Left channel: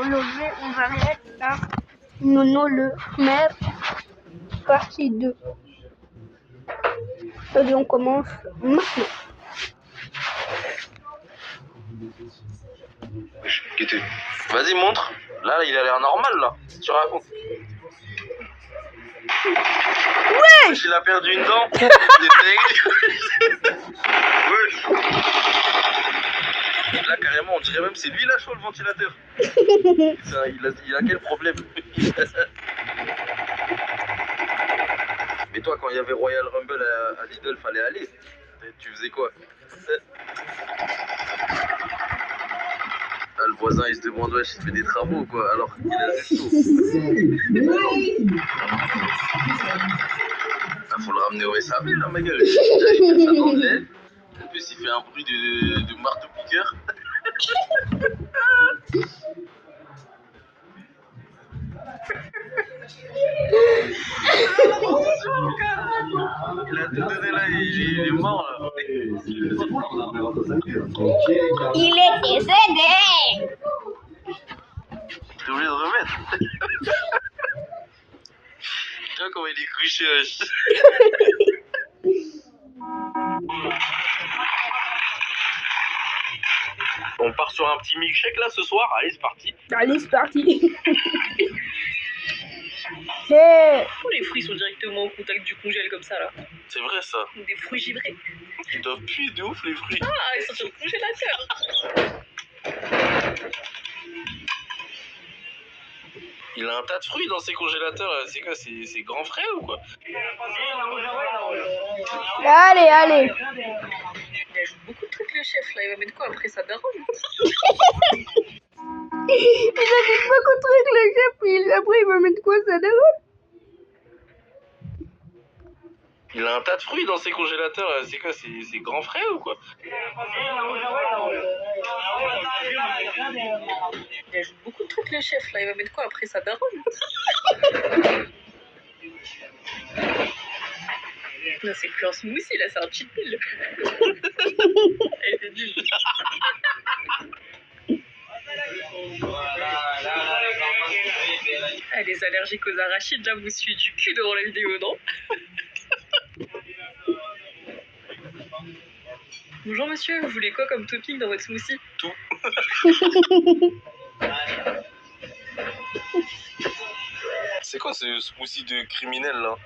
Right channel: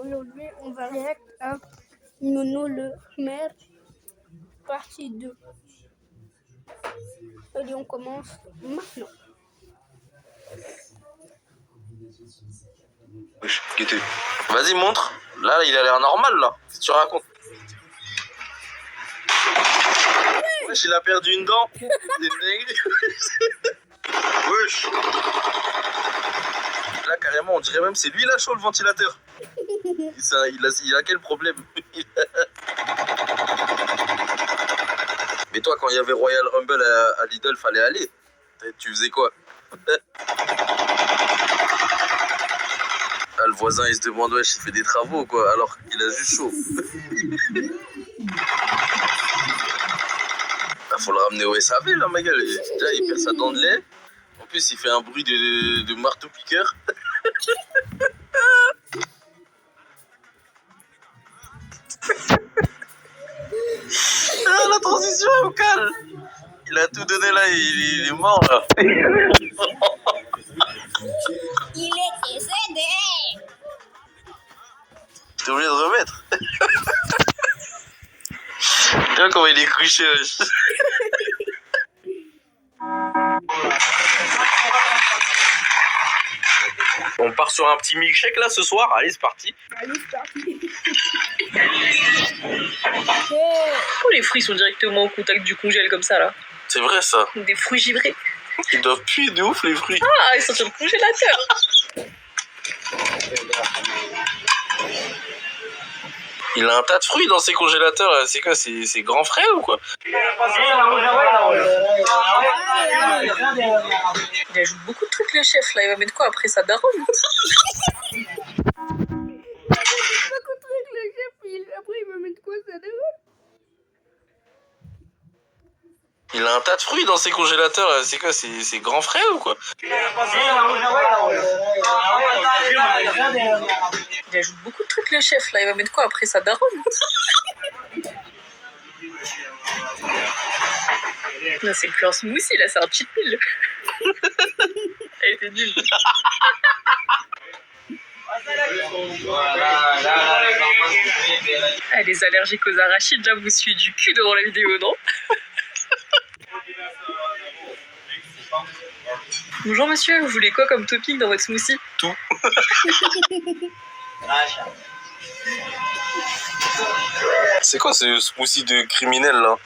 Aujourd'hui, on va regarder à Nono le maire, partie 2. Et on commence maintenant. Vas-y, montre. Là, il a l'air normal, là. Si tu racontes. Ouais. Il a perdu une dent. Il est dingue. Wesh. Là, carrément, on dirait même c'est lui, là, chaud, le ventilateur. Il a quel problème? Mais toi, quand il y avait Royal Rumble à Lidl, fallait aller. Tu faisais quoi? Ah, le voisin, il se demande, ouais, il fait des travaux, quoi, alors qu'il a juste chaud. Bah, faut le ramener au SAV, là, ma gueule. Déjà, il perd sa dent de lait. En plus, il fait un bruit de marteau-piqueur. Ah, la transition est au calme. Il a tout donné, là, il est mort, là. Il est décédé. T'es obligé de remettre. Tu vois comment il est couché, wesh. On part sur un petit milkshake là ce soir. Allez, c'est parti. Allez, c'est parti. Hey. Tous les fruits sont directement au contact du congèle comme ça là. C'est vrai ça. Des fruits givrés. Ils doivent puer de ouf les fruits. Ah, ils sont sur le congélateur. Il a un tas de fruits dans ses congélateurs. C'est quoi? C'est grand frais ou quoi? Allez. Il ajoute beaucoup de trucs le chef là. Il va mettre quoi après sa daronne? Il a fait beaucoup de trucs le chef. Après, il va mettre quoi, ça d'abord? Il a un tas de fruits dans ses congélateurs. C'est quoi? C'est grand frais ou quoi? Il ajoute beaucoup de trucs le chef là. Il va mettre quoi après sa daronne? Non, c'est plus un smoothie là, c'est un cheat meal. Elle était nulle. Ah, les allergiques aux arachides, là, vous suivez du cul devant la vidéo, non? Bonjour monsieur, vous voulez quoi comme topping dans votre smoothie? Tout. C'est quoi ce smoothie de criminel là?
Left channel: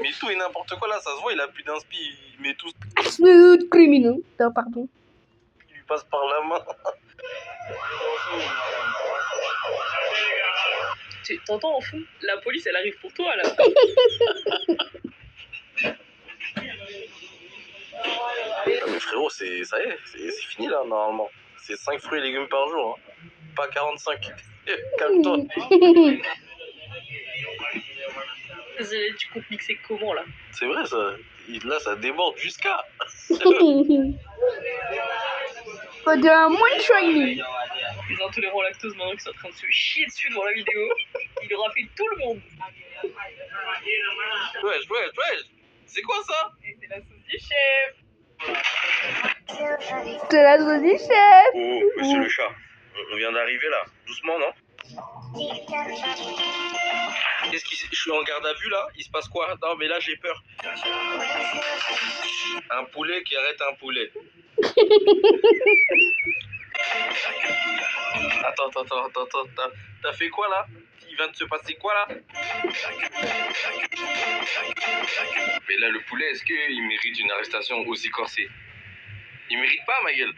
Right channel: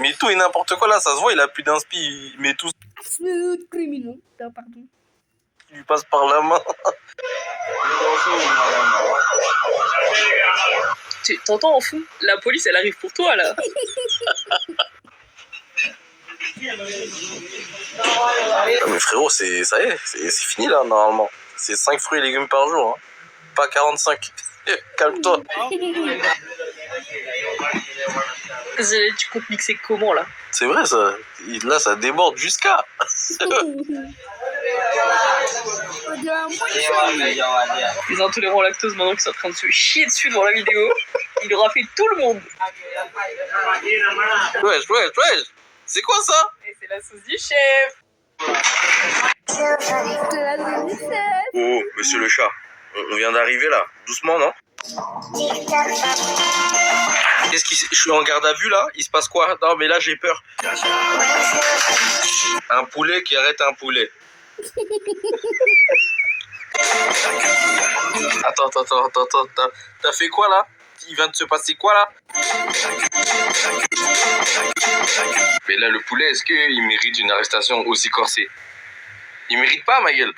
Mais tout et n'importe quoi là, ça se voit, il a plus d'inspi, il met tout. Smooth criminel. Non, pardon. Il lui passe par la main. T'entends en fou? La police, elle arrive pour toi, là. Mais frérot, ça y est, c'est fini là, normalement. C'est 5 fruits et légumes par jour, hein. Pas 45. Calme-toi. Tu comptes mixer comment, là? C'est vrai, ça. Là, ça déborde jusqu'à. Faut de un moins de shiny. Les intolérants au lactose, maintenant qu'ils sont en train de se chier dessus devant la vidéo, il aura fait tout le monde. Wesh. C'est quoi ça? Et c'est la sauce du chef. C'est la sauce du chef. Oh, monsieur le chat. On vient d'arriver là. Doucement, non? Je suis en garde à vue là? Il se passe quoi? Non, mais là j'ai peur. Un poulet qui arrête un poulet. Attends. T'as fait quoi là? Il vient de se passer quoi là? Mais là, le poulet, est-ce qu'il mérite une arrestation aussi corsée? Il mérite pas, ma gueule.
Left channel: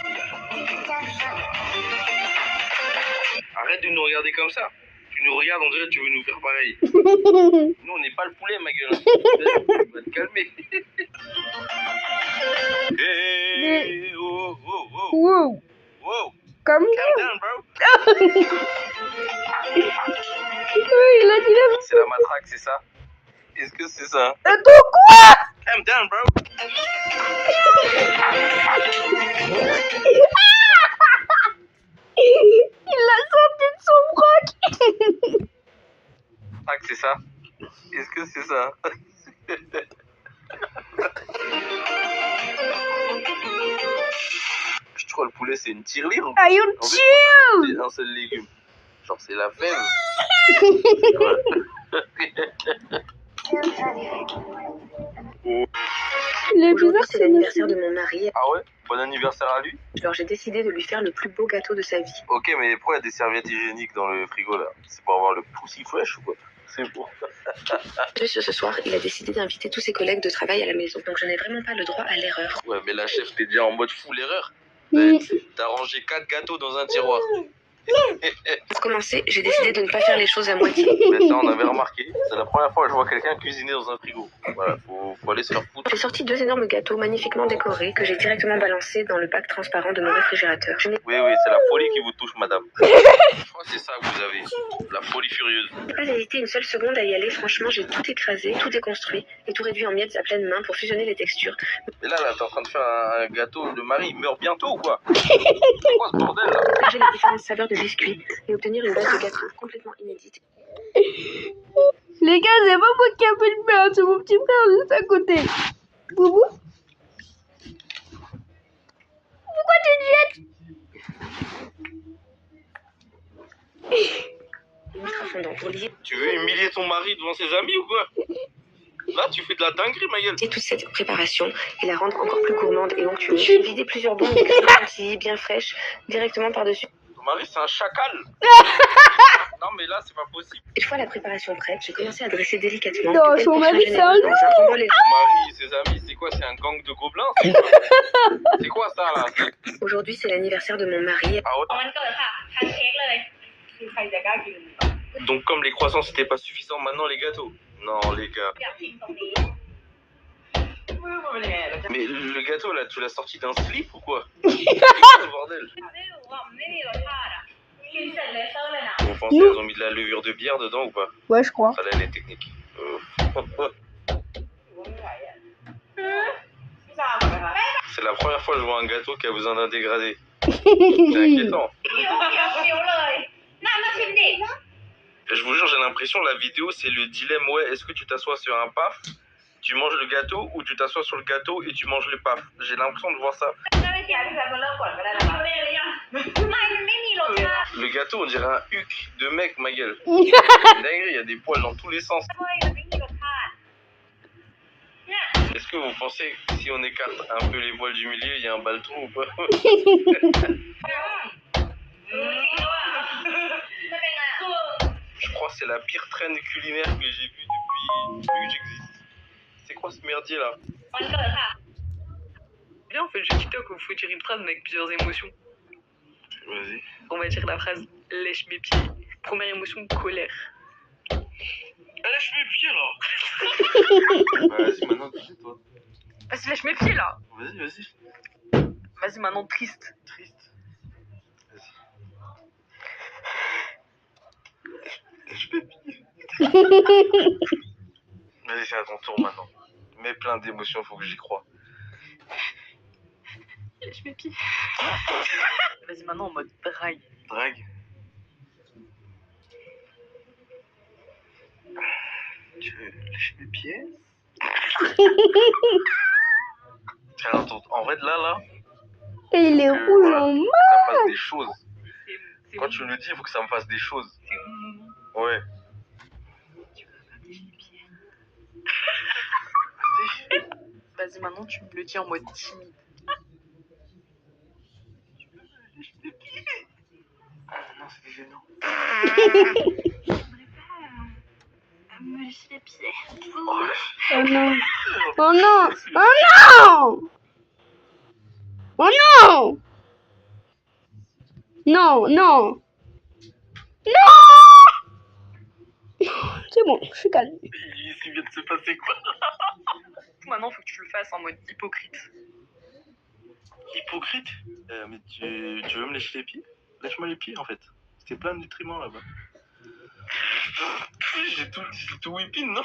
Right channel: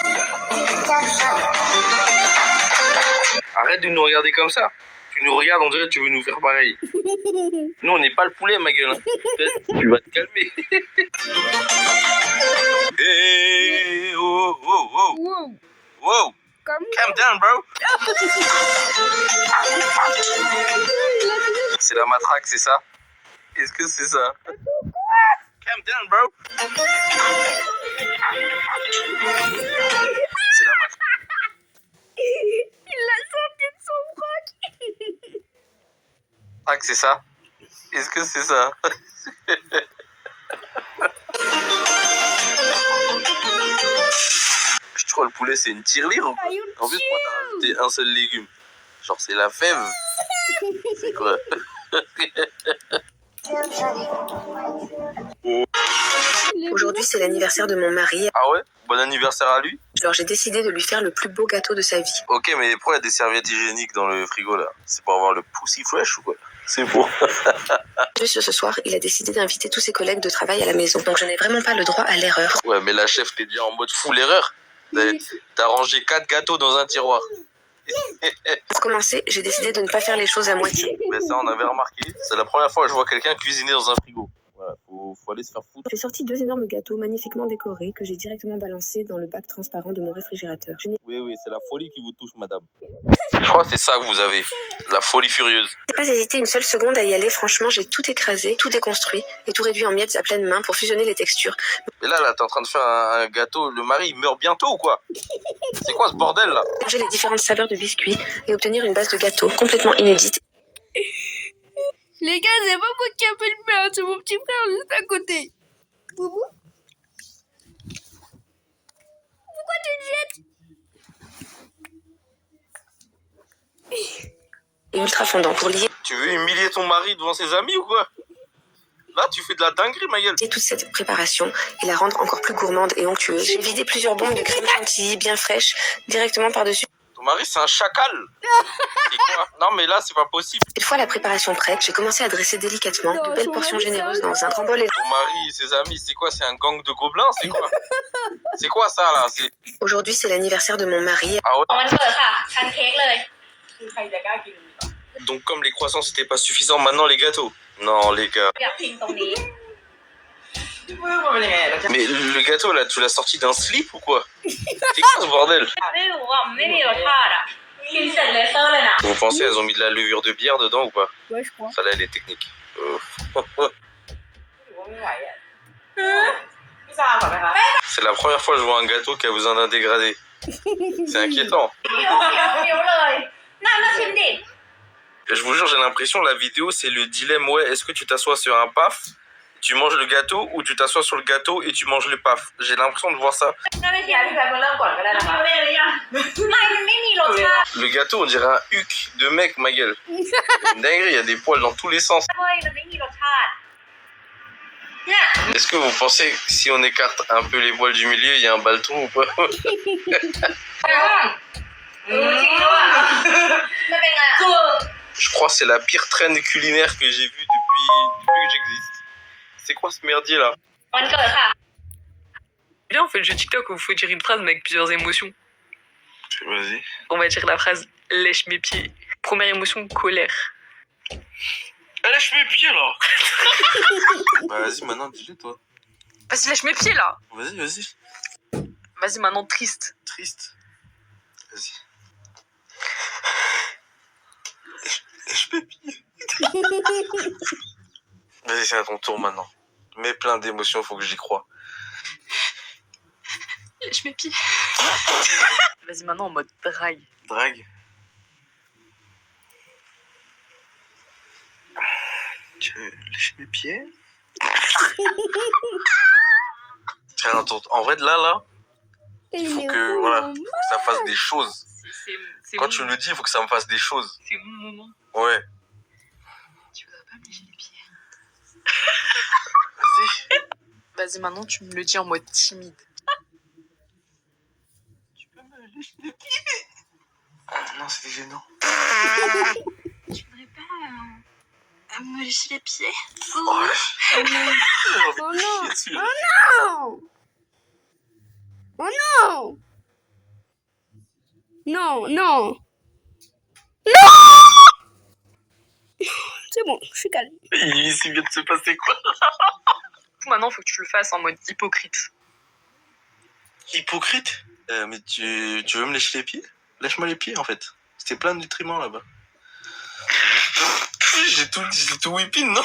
Arrête de nous regarder comme ça. Tu nous regardes, on dirait que tu veux nous faire pareil. Nous, on n'est pas le poulet, ma gueule. Tu vas te calmer. Hey, oh. Wow. Comme Calm down, bro. il a dit la... C'est la matraque, c'est ça? Est-ce que c'est ça? Attends, quoi? Calm down, bro. Il l'a sorti de son froc. Matraque, c'est ça? Est-ce que c'est ça? Je crois que le poulet, c'est une tirelire. Are you En fait, chill? c'est un seul légume. Genre, c'est la fève. C'est vrai. Aujourd'hui, c'est l'anniversaire de mon mari. Ah ouais? Bon anniversaire à lui. Alors, j'ai décidé de lui faire le plus beau gâteau de sa vie. Ok, mais pourquoi il y a des serviettes hygiéniques dans le frigo là? C'est pour avoir le pussy fresh ou quoi? C'est beau. Ce soir, il a décidé d'inviter tous ses collègues de travail à la maison. Donc, je n'ai vraiment pas le droit à l'erreur. Ouais, mais la chef, t'es déjà en mode full erreur. T'as rangé 4 gâteaux dans un tiroir. Pour commencer, j'ai décidé de ne pas faire les choses à moitié. Mais ça, on avait remarqué. C'est la première fois que je vois quelqu'un cuisiner dans un frigo. Voilà, faut aller se faire foutre. J'ai sorti 2 énormes gâteaux magnifiquement décorés que j'ai directement balancés dans le bac transparent de mon réfrigérateur. Je n'ai Oui, c'est la folie qui vous touche, madame. Je crois que c'est ça que vous avez. La folie furieuse. pas hésité une seule seconde à y aller. Franchement, j'ai tout écrasé, tout déconstruit et tout réduit en miettes à pleine main pour fusionner les textures. Et là, t'es en train de faire un gâteau. Le mari, il meurt bientôt ou quoi? C'est quoi ce bordel là? Manger les différentes saveurs de biscuits et obtenir une base de gâteau complètement inédite. Les gars, c'est pas moi qui a fait le faire, c'est mon petit frère juste à côté. Boubou? Pourquoi tu te jettes? Et ultra fondant pour lier Tu veux humilier ton mari devant ses amis ou quoi? Là, tu fais de la dinguerie, ma gueule. toute cette préparation et la rendre encore plus gourmande et onctueuse. J'ai vidé plusieurs bombes de crème chantilly bien fraîche directement par-dessus. Ton mari, c'est un chacal. Non, mais là, c'est pas possible. Une fois la préparation prête, j'ai commencé à dresser délicatement Non, de belles son portions mari, généreuses c'est dans un grand bol. Ton mari et ses amis, c'est quoi? C'est un gang de gobelins? C'est quoi? C'est quoi ça, là? Aujourd'hui, c'est l'anniversaire de mon mari. Ah ouais? วันเกิดค่ะคันเค้กเลยใครจะกล้ากิน Donc, comme les croissants, c'était pas suffisant, maintenant les gâteaux. Non, les gars. อยากพิมพ์ตรงนี้ Mais le gâteau, là, tu l'as sorti d'un slip ou quoi? C'est quoi ce bordel? ไม่รู้อ่ะไม่มีรสชาติอ่ะกินเสร็จเลเซอร์เลยนะ Vous pensez elles ont mis de la levure de bière dedans ou pas? Ouais, je crois. Ça, là, elle est technique. พี่ซาก่อนไหมคะ C'est la première fois que je vois un gâteau qui a besoin d'un dégradé. C'est inquiétant. เคี้ยวเลยน่ามาชิมดิ Je vous jure, j'ai l'impression, la vidéo, c'est le dilemme. Ouais, est-ce que tu t'assois sur un paf, tu manges le gâteau, ou tu t'assois sur le gâteau et tu manges le paf? J'ai l'impression de voir ça. น่าไม่เคี้ยวพี่แพทมาเริ่มก่อนก็ได้นะคะไม่เลยอ่ะไม่มันไม่มีรสชาติ Le gâteau, on dirait un huc de mec, ma gueule. Dinguerie, il y a des poils dans tous les sens. เฮ้ยมันไม่มีรสชาติเนี่ย Est-ce que vous pensez que si on écarte un peu les poils du milieu, il y a un baltron ou pas? จริงด้วยมันเป็นไงคือ Je crois que c'est la pire traîne culinaire que j'ai vue depuis que j'existe. C'est quoi ce merdier là? วันเกิดค่ะ Bien, on fait le jeu TikTok où il faut dire une phrase mais avec plusieurs émotions. Vas-y. On va dire la phrase lèche mes pieds. Première émotion, colère. Lâche mes pieds là. Bah, vas-y, maintenant dis-le toi. Vas-y, lèche mes pieds là. Vas-y. Vas-y, maintenant triste. Triste. Vas-y. Lâche mes pieds. Vas-y, c'est à ton tour maintenant. Mets plein d'émotions, faut que j'y croie. Lèche mes pieds. Vas-y, maintenant en mode drague. Drague. Tu lèches mes pieds? Tiens, en vrai, là, Et il est que, rouge voilà, en faut que ça fasse des choses. C'est Quand bon. tu me le dis, il faut que ça me fasse des choses. C'est mon moment. Ouais. Tu vas pas me lécher les pieds. Vas-y. Vas-y, maintenant tu me le dis en mode timide. Tu peux me lécher les pieds? Ah non, c'était gênant. Me lécher les pieds. Oh, Oh non. Oh non. Oh non. Oh non. Non, non. Non. C'est bon, je suis calme. il s'est vient de se passer quoi? Maintenant, faut que tu le fasses en mode hypocrite. Hypocrite? Mais tu veux me lécher les pieds? Lâche-moi les pieds en fait. C'était plein de nutriments là-bas. J'ai tout whipping, non?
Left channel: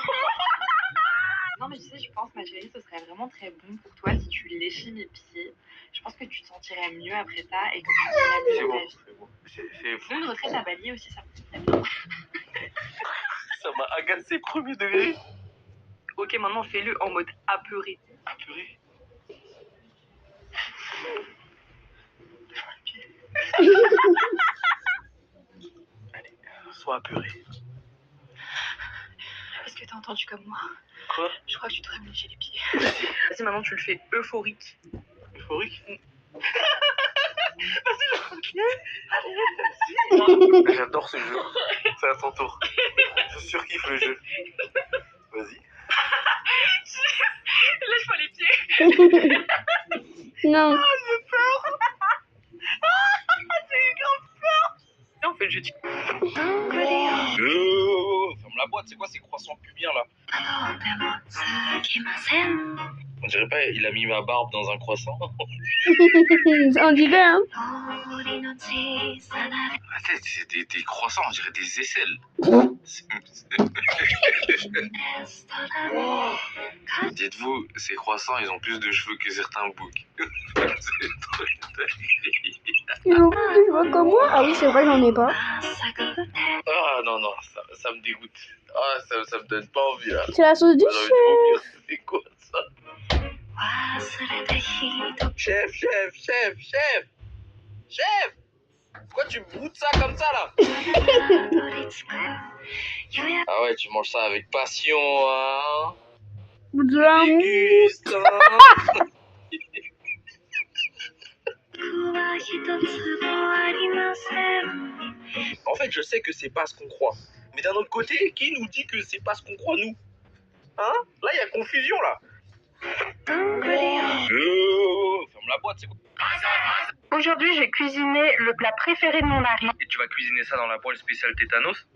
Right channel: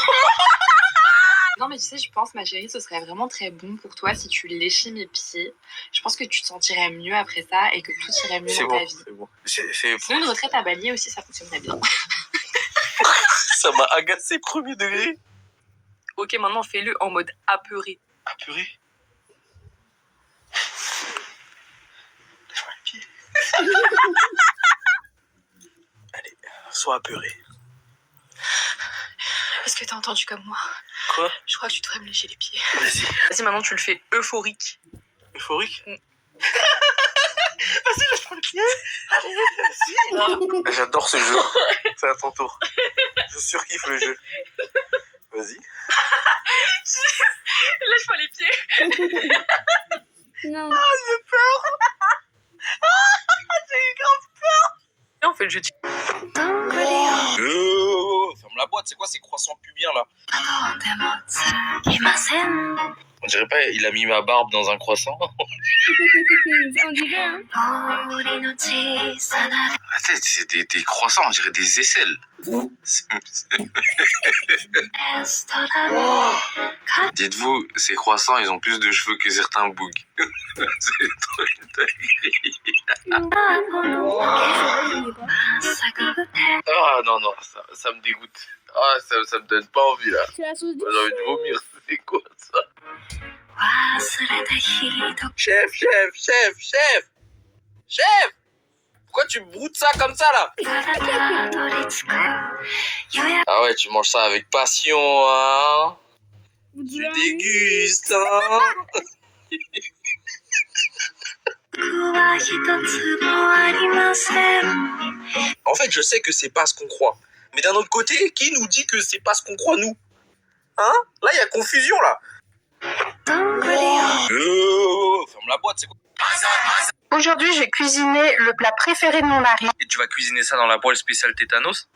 Non mais tu sais, je pense ma chérie, ce serait vraiment très bon pour toi si tu léchais mes pieds. Je pense que tu te sentirais mieux après ça et que tout irait mieux C'est dans bon, ta vie. c'est bon. C'est... Sinon une retraite à Bali aussi, ça fonctionnerait bien. Ça m'a agacé premier degré. Ok, maintenant fais-le en mode apeuré. Ah purée. Lâche-moi les pieds. Allez. Sois apeuré. Est-ce que t'as entendu comme moi? Quoi? Je crois que tu devrais me lécher les pieds. Vas-y. Vas-y, maintenant tu le fais euphorique. Euphorique? Vas-y, lâche-moi le pied. J'adore ce jeu. C'est à ton tour. Je surkiffe le jeu. Vas-y. Lâche-moi les pieds. Non. Et on fait le jeu de... Ferme la boîte, c'est quoi ces croissants pubiens là? On dirait pas, il a mis ma barbe dans un croissant. On dirait, hein. Attends, c'est des croissants, on dirait des aisselles. Dites-vous, ces croissants, ils ont plus de cheveux que certains bougs. C'est trop une dinguerie. Je vois comme moi. Ah oui, c'est vrai, j'en ai pas. Ah non, ça me dégoûte. Ah, ça me donne pas envie là. C'est la sauce du J'ai envie de vomir. C'est quoi ça? Chef! Pourquoi tu broutes ça comme ça là? Ah ouais, tu manges ça avec passion, hein? Déguste, hein? En fait, je sais que c'est pas ce qu'on croit. Mais d'un autre côté, qui nous dit que c'est pas ce qu'on croit, nous? Hein? Là, il y a confusion, là. Ferme la boîte, c'est quoi? Aujourd'hui, j'ai cuisiné le plat préféré de mon mari. Et tu vas cuisiner ça dans la poêle spéciale tétanos?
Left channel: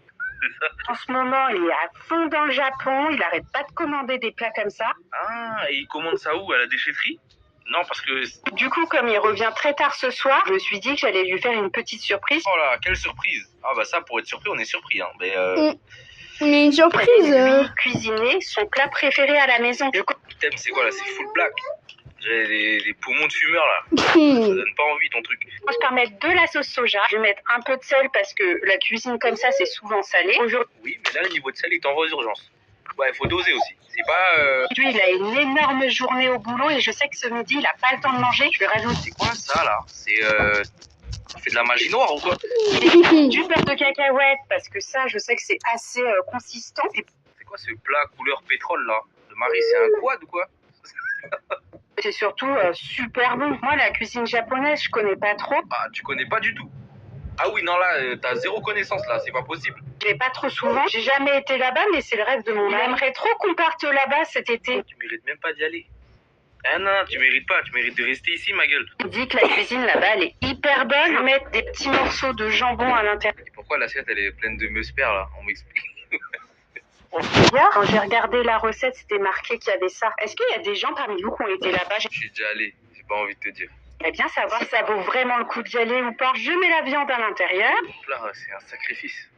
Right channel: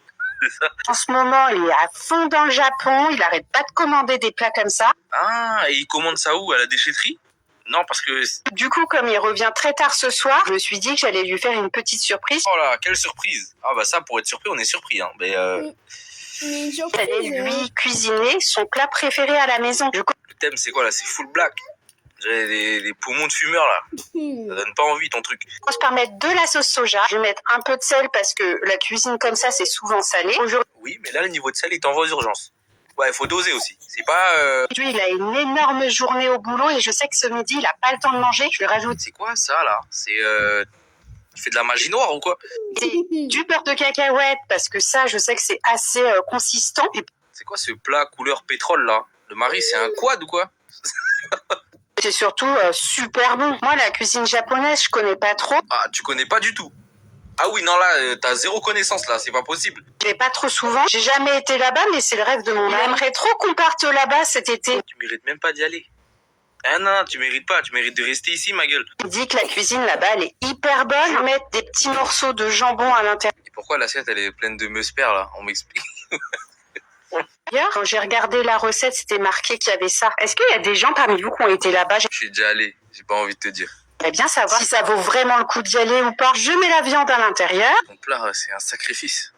C'est ça? En ce moment, il est à fond dans le Japon. Il arrête pas de commander des plats comme ça. Ah, et il commande ça où? À la déchetterie? Non, parce que... Du coup, comme il revient très tard ce soir, je me suis dit que j'allais lui faire une petite surprise. Oh là, quelle surprise! Ah bah ça, pour être surpris, on est surpris, hein. Mais Mais une surprise. J'allais lui cuisiner son plat préféré à la maison. Du coup, le thème, c'est quoi là? C'est full black. J'ai les poumons de fumeur là. Ça donne pas envie ton truc. on se permet de la sauce soja. Je vais mettre un peu de sel parce que la cuisine comme ça, c'est souvent salé. Aujourd'hui, Oui, mais là, le niveau de sel, il t'envoie aux urgences. Ouais, il faut doser aussi. C'est pas... il a une énorme journée au boulot et je sais que ce midi, il a pas le temps de manger. Je lui rajoute C'est quoi ça là? C'est... Tu fais de la magie noire ou quoi? du beurre de cacahuète parce que ça, je sais que c'est assez consistant. Et C'est quoi ce plat couleur pétrole là? Le mari, c'est un quad ou quoi? c'est surtout super bon. Moi, la cuisine japonaise, je connais pas trop. Ah, tu connais pas du tout. Ah oui, non là, t'as zéro connaissance là, c'est pas possible. Je vais pas trop souvent. J'ai jamais été là-bas, mais c'est le rêve de mon mari. J'aimerais trop qu'on parte là-bas cet été. Tu mérites même pas d'y aller. Ah non, tu mérites pas, tu mérites de rester ici, ma gueule. Il dit que la cuisine là-bas, elle est hyper bonne. Je vais mettre des petits morceaux de jambon à l'intérieur. Et pourquoi l'assiette, elle est pleine de meusper là? On m'explique. Quand j'ai regardé la recette, c'était marqué qu'il y avait ça. Est-ce qu'il y a des gens parmi vous qui ont été là-bas? Je suis déjà allé, j'ai pas envie de te dire. J'aimerais bien savoir si ça vaut vraiment le coup d'y aller ou pas. Je mets la viande à l'intérieur. Ton plat, c'est un sacrifice.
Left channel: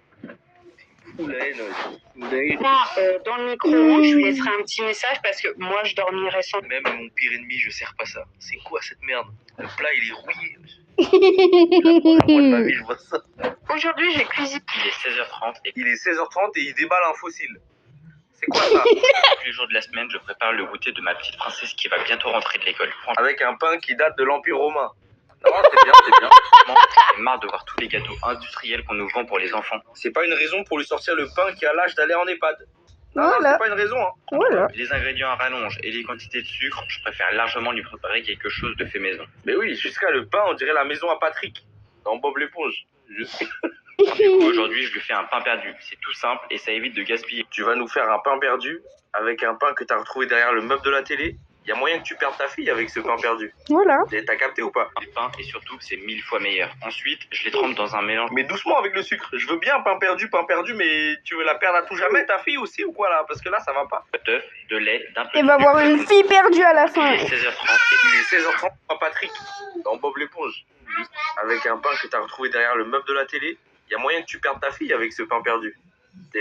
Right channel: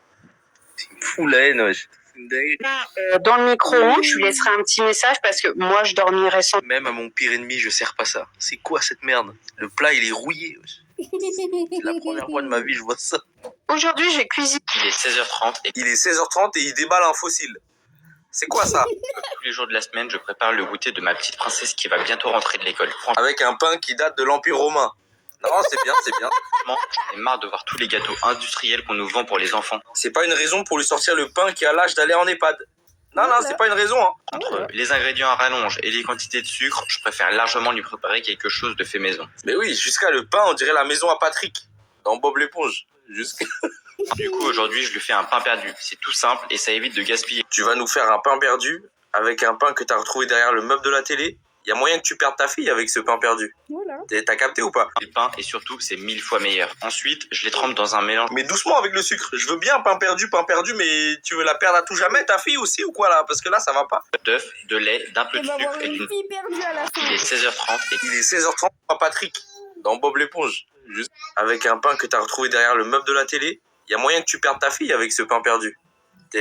C'est une fou la haine, ouais. C'est une dinguerie. Dans le micro-ondes, je lui laisserai un petit message parce que moi, je dormirai sans. Même à mon pire ennemi, je sers pas ça. C'est quoi cette merde? Le plat, il est rouillé. C'est la première fois de ma vie, je vois ça. Aujourd'hui, j'ai cuisiné. Il est 16h30 et il est 16h30 et il déballe un fossile. C'est quoi ça? Tous les jours de la semaine, je prépare le goûter de ma petite princesse qui va bientôt rentrer de l'école. Franchement, Avec un pain qui date de l'Empire romain. Non, c'est bien, c'est bien. j'en ai marre de voir tous les gâteaux industriels qu'on nous vend pour les enfants. C'est pas une raison pour lui sortir le pain qui a l'âge d'aller en EHPAD. Non, Voilà. non, c'est pas une raison, hein. Voilà. Les ingrédients à rallonge et les quantités de sucre, je préfère largement lui préparer quelque chose de fait maison. Mais oui, jusqu'à le pain, on dirait la maison à Patrick. Dans Bob l'éponge. Jusqu'à... Du coup, aujourd'hui, je lui fais un pain perdu. C'est tout simple et ça évite de gaspiller. Tu vas nous faire un pain perdu avec un pain que t'as retrouvé derrière le meuble de la télé. Il y a moyen que tu perdes ta fille avec ce pain perdu. Voilà. T'as capté ou pas? Les pains et surtout, c'est 1000 fois meilleur. Ensuite, je les trempe dans un mélange Mais doucement avec le sucre. Je veux bien pain perdu, mais tu veux la perdre à tout jamais, ta fille aussi ou quoi là? Parce que là, ça va pas. d'œufs, de lait, d'un peu Il de va sucre. avoir une fille perdue à la fin. 16h30 Il est 16h30, pas Patrick. Dans Bob l'éponge. Juste avec un pain que t'as retrouvé derrière le meuble de la télé. Il y a moyen que tu perdes ta fille avec ce pain perdu.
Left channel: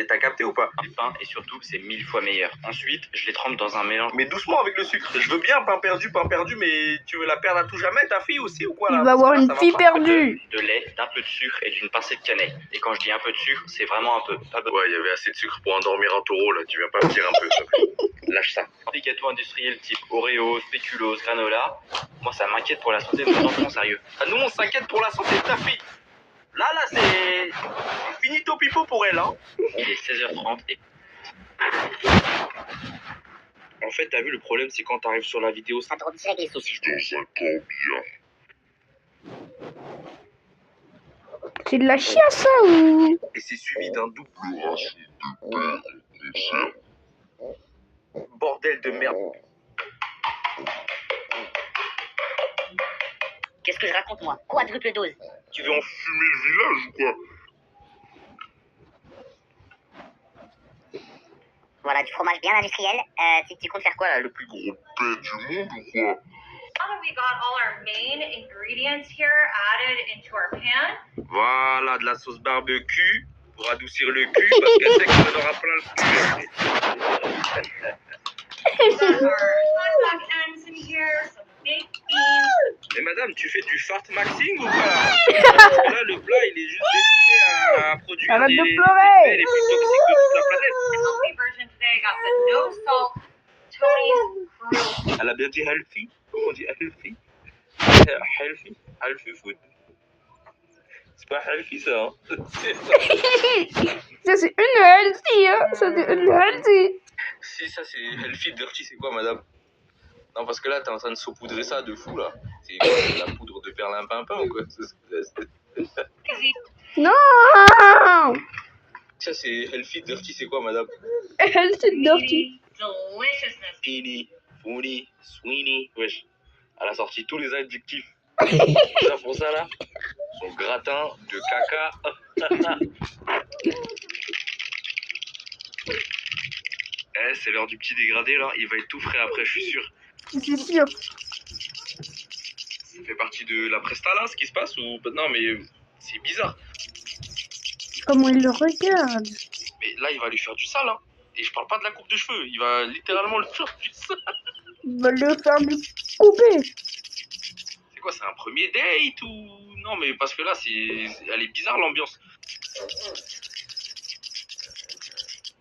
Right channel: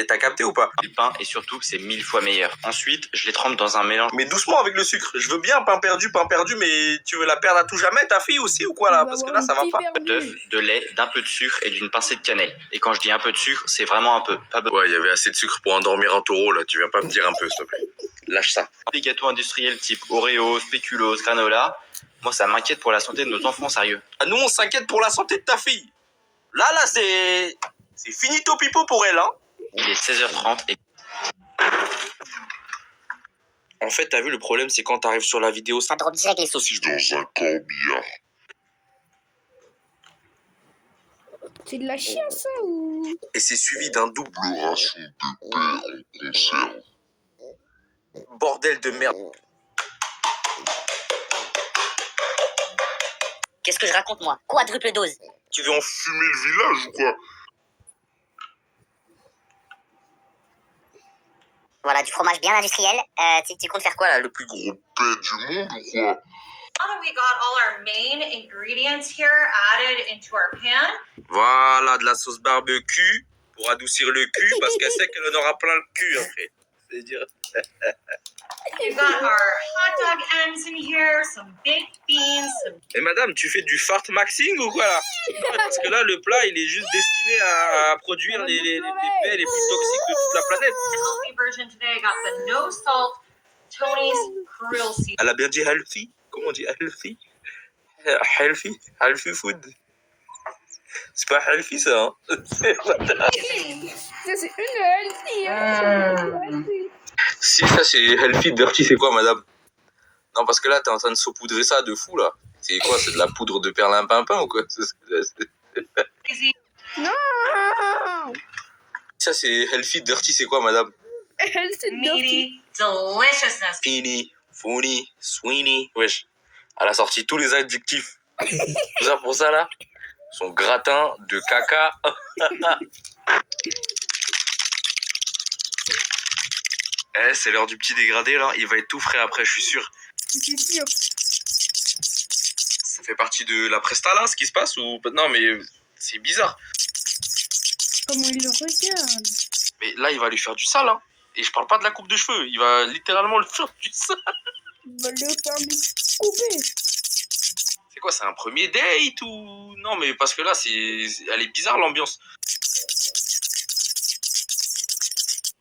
T'as capté ou pas? les pains et surtout, c'est 1000 fois meilleur. Ensuite, je les trempe dans un mélange Mais doucement avec le sucre. Je veux bien pain perdu, mais tu veux la perdre à tout jamais, ta fille aussi ou quoi là? Il va Parce que avoir là, une ça va fille pas. perdue. d'œufs, de lait, d'un peu de sucre et d'une pincée de cannelle. Et quand je dis un peu de sucre, c'est vraiment un peu. Pas besoin. Ouais, il y avait assez de sucre pour endormir un taureau là. Tu viens pas me dire un peu, s'il te plaît. Lâche ça. Les gâteaux industriels type Oreo, spéculoos, granola, moi ça m'inquiète pour la santé de nos enfants, sérieux. Ah, nous, on s'inquiète pour la santé de ta fille. Là, c'est finito pipo pour elle, hein. Il est 16h30 et En fait, t'as vu, le problème, c'est quand t'arrives sur la vidéo, ça drop direct les saucisses. C'est de la chiasse, ça, ou... et c'est suivi d'un double bordel de merde. Qu'est-ce que je raconte, moi? Quadruple dose. Tu veux en fumer le village ou quoi? Voilà, du fromage bien industriel. Tu comptes faire quoi, là? Le plus gros paix du monde ou quoi? Now that we got all our main ingredients here added into our pan, Voilà, de la sauce barbecue pour adoucir le cul, parce qu'elle sait qu'on en aura plein le cul après. we've got our hot dog ends in here, some baked beans, some Et madame, tu fais du fart maxing ou pas? Parce que là, le plat, il est juste destiné à produire Arrête les de paix pleurer. les plus toxiques de toute la planète. healthy version today. I got the no salt Tony's Grill Soup. Elle a bien dit healthy? Comment on dit healthy? Healthy? Healthy food? C'est pas healthy ça, hein? Ça, c'est une healthy, hein. Ça, c'est une healthy. Si ça c'est healthy, dirty c'est quoi madame? Non parce que là t'es en train de saupoudrer ça de fou là. C'est quoi? C'est de la poudre de perlimpinpin ou quoi? Non. Ça c'est healthy, dirty c'est quoi madame? Healthy, dirty. Meaty deliciousness. Fini, funny, sweeney, wesh. Elle a sorti tous les adjectifs. Ça pour ça là? Son gratin de caca. Eh, c'est l'heure du petit dégradé là, il va être tout frais après, je suis sûr. C'est sûr. Ça fait partie de la presta là, ce qui se passe ou non mais c'est bizarre. Comment il le regarde. Mais là, il va lui faire du sale, hein. Et je parle pas de la coupe de cheveux, il va littéralement lui faire du sale. Il va le faire lui couper. C'est quoi, c'est un premier date ou non? Mais parce que là, elle est bizarre l'ambiance.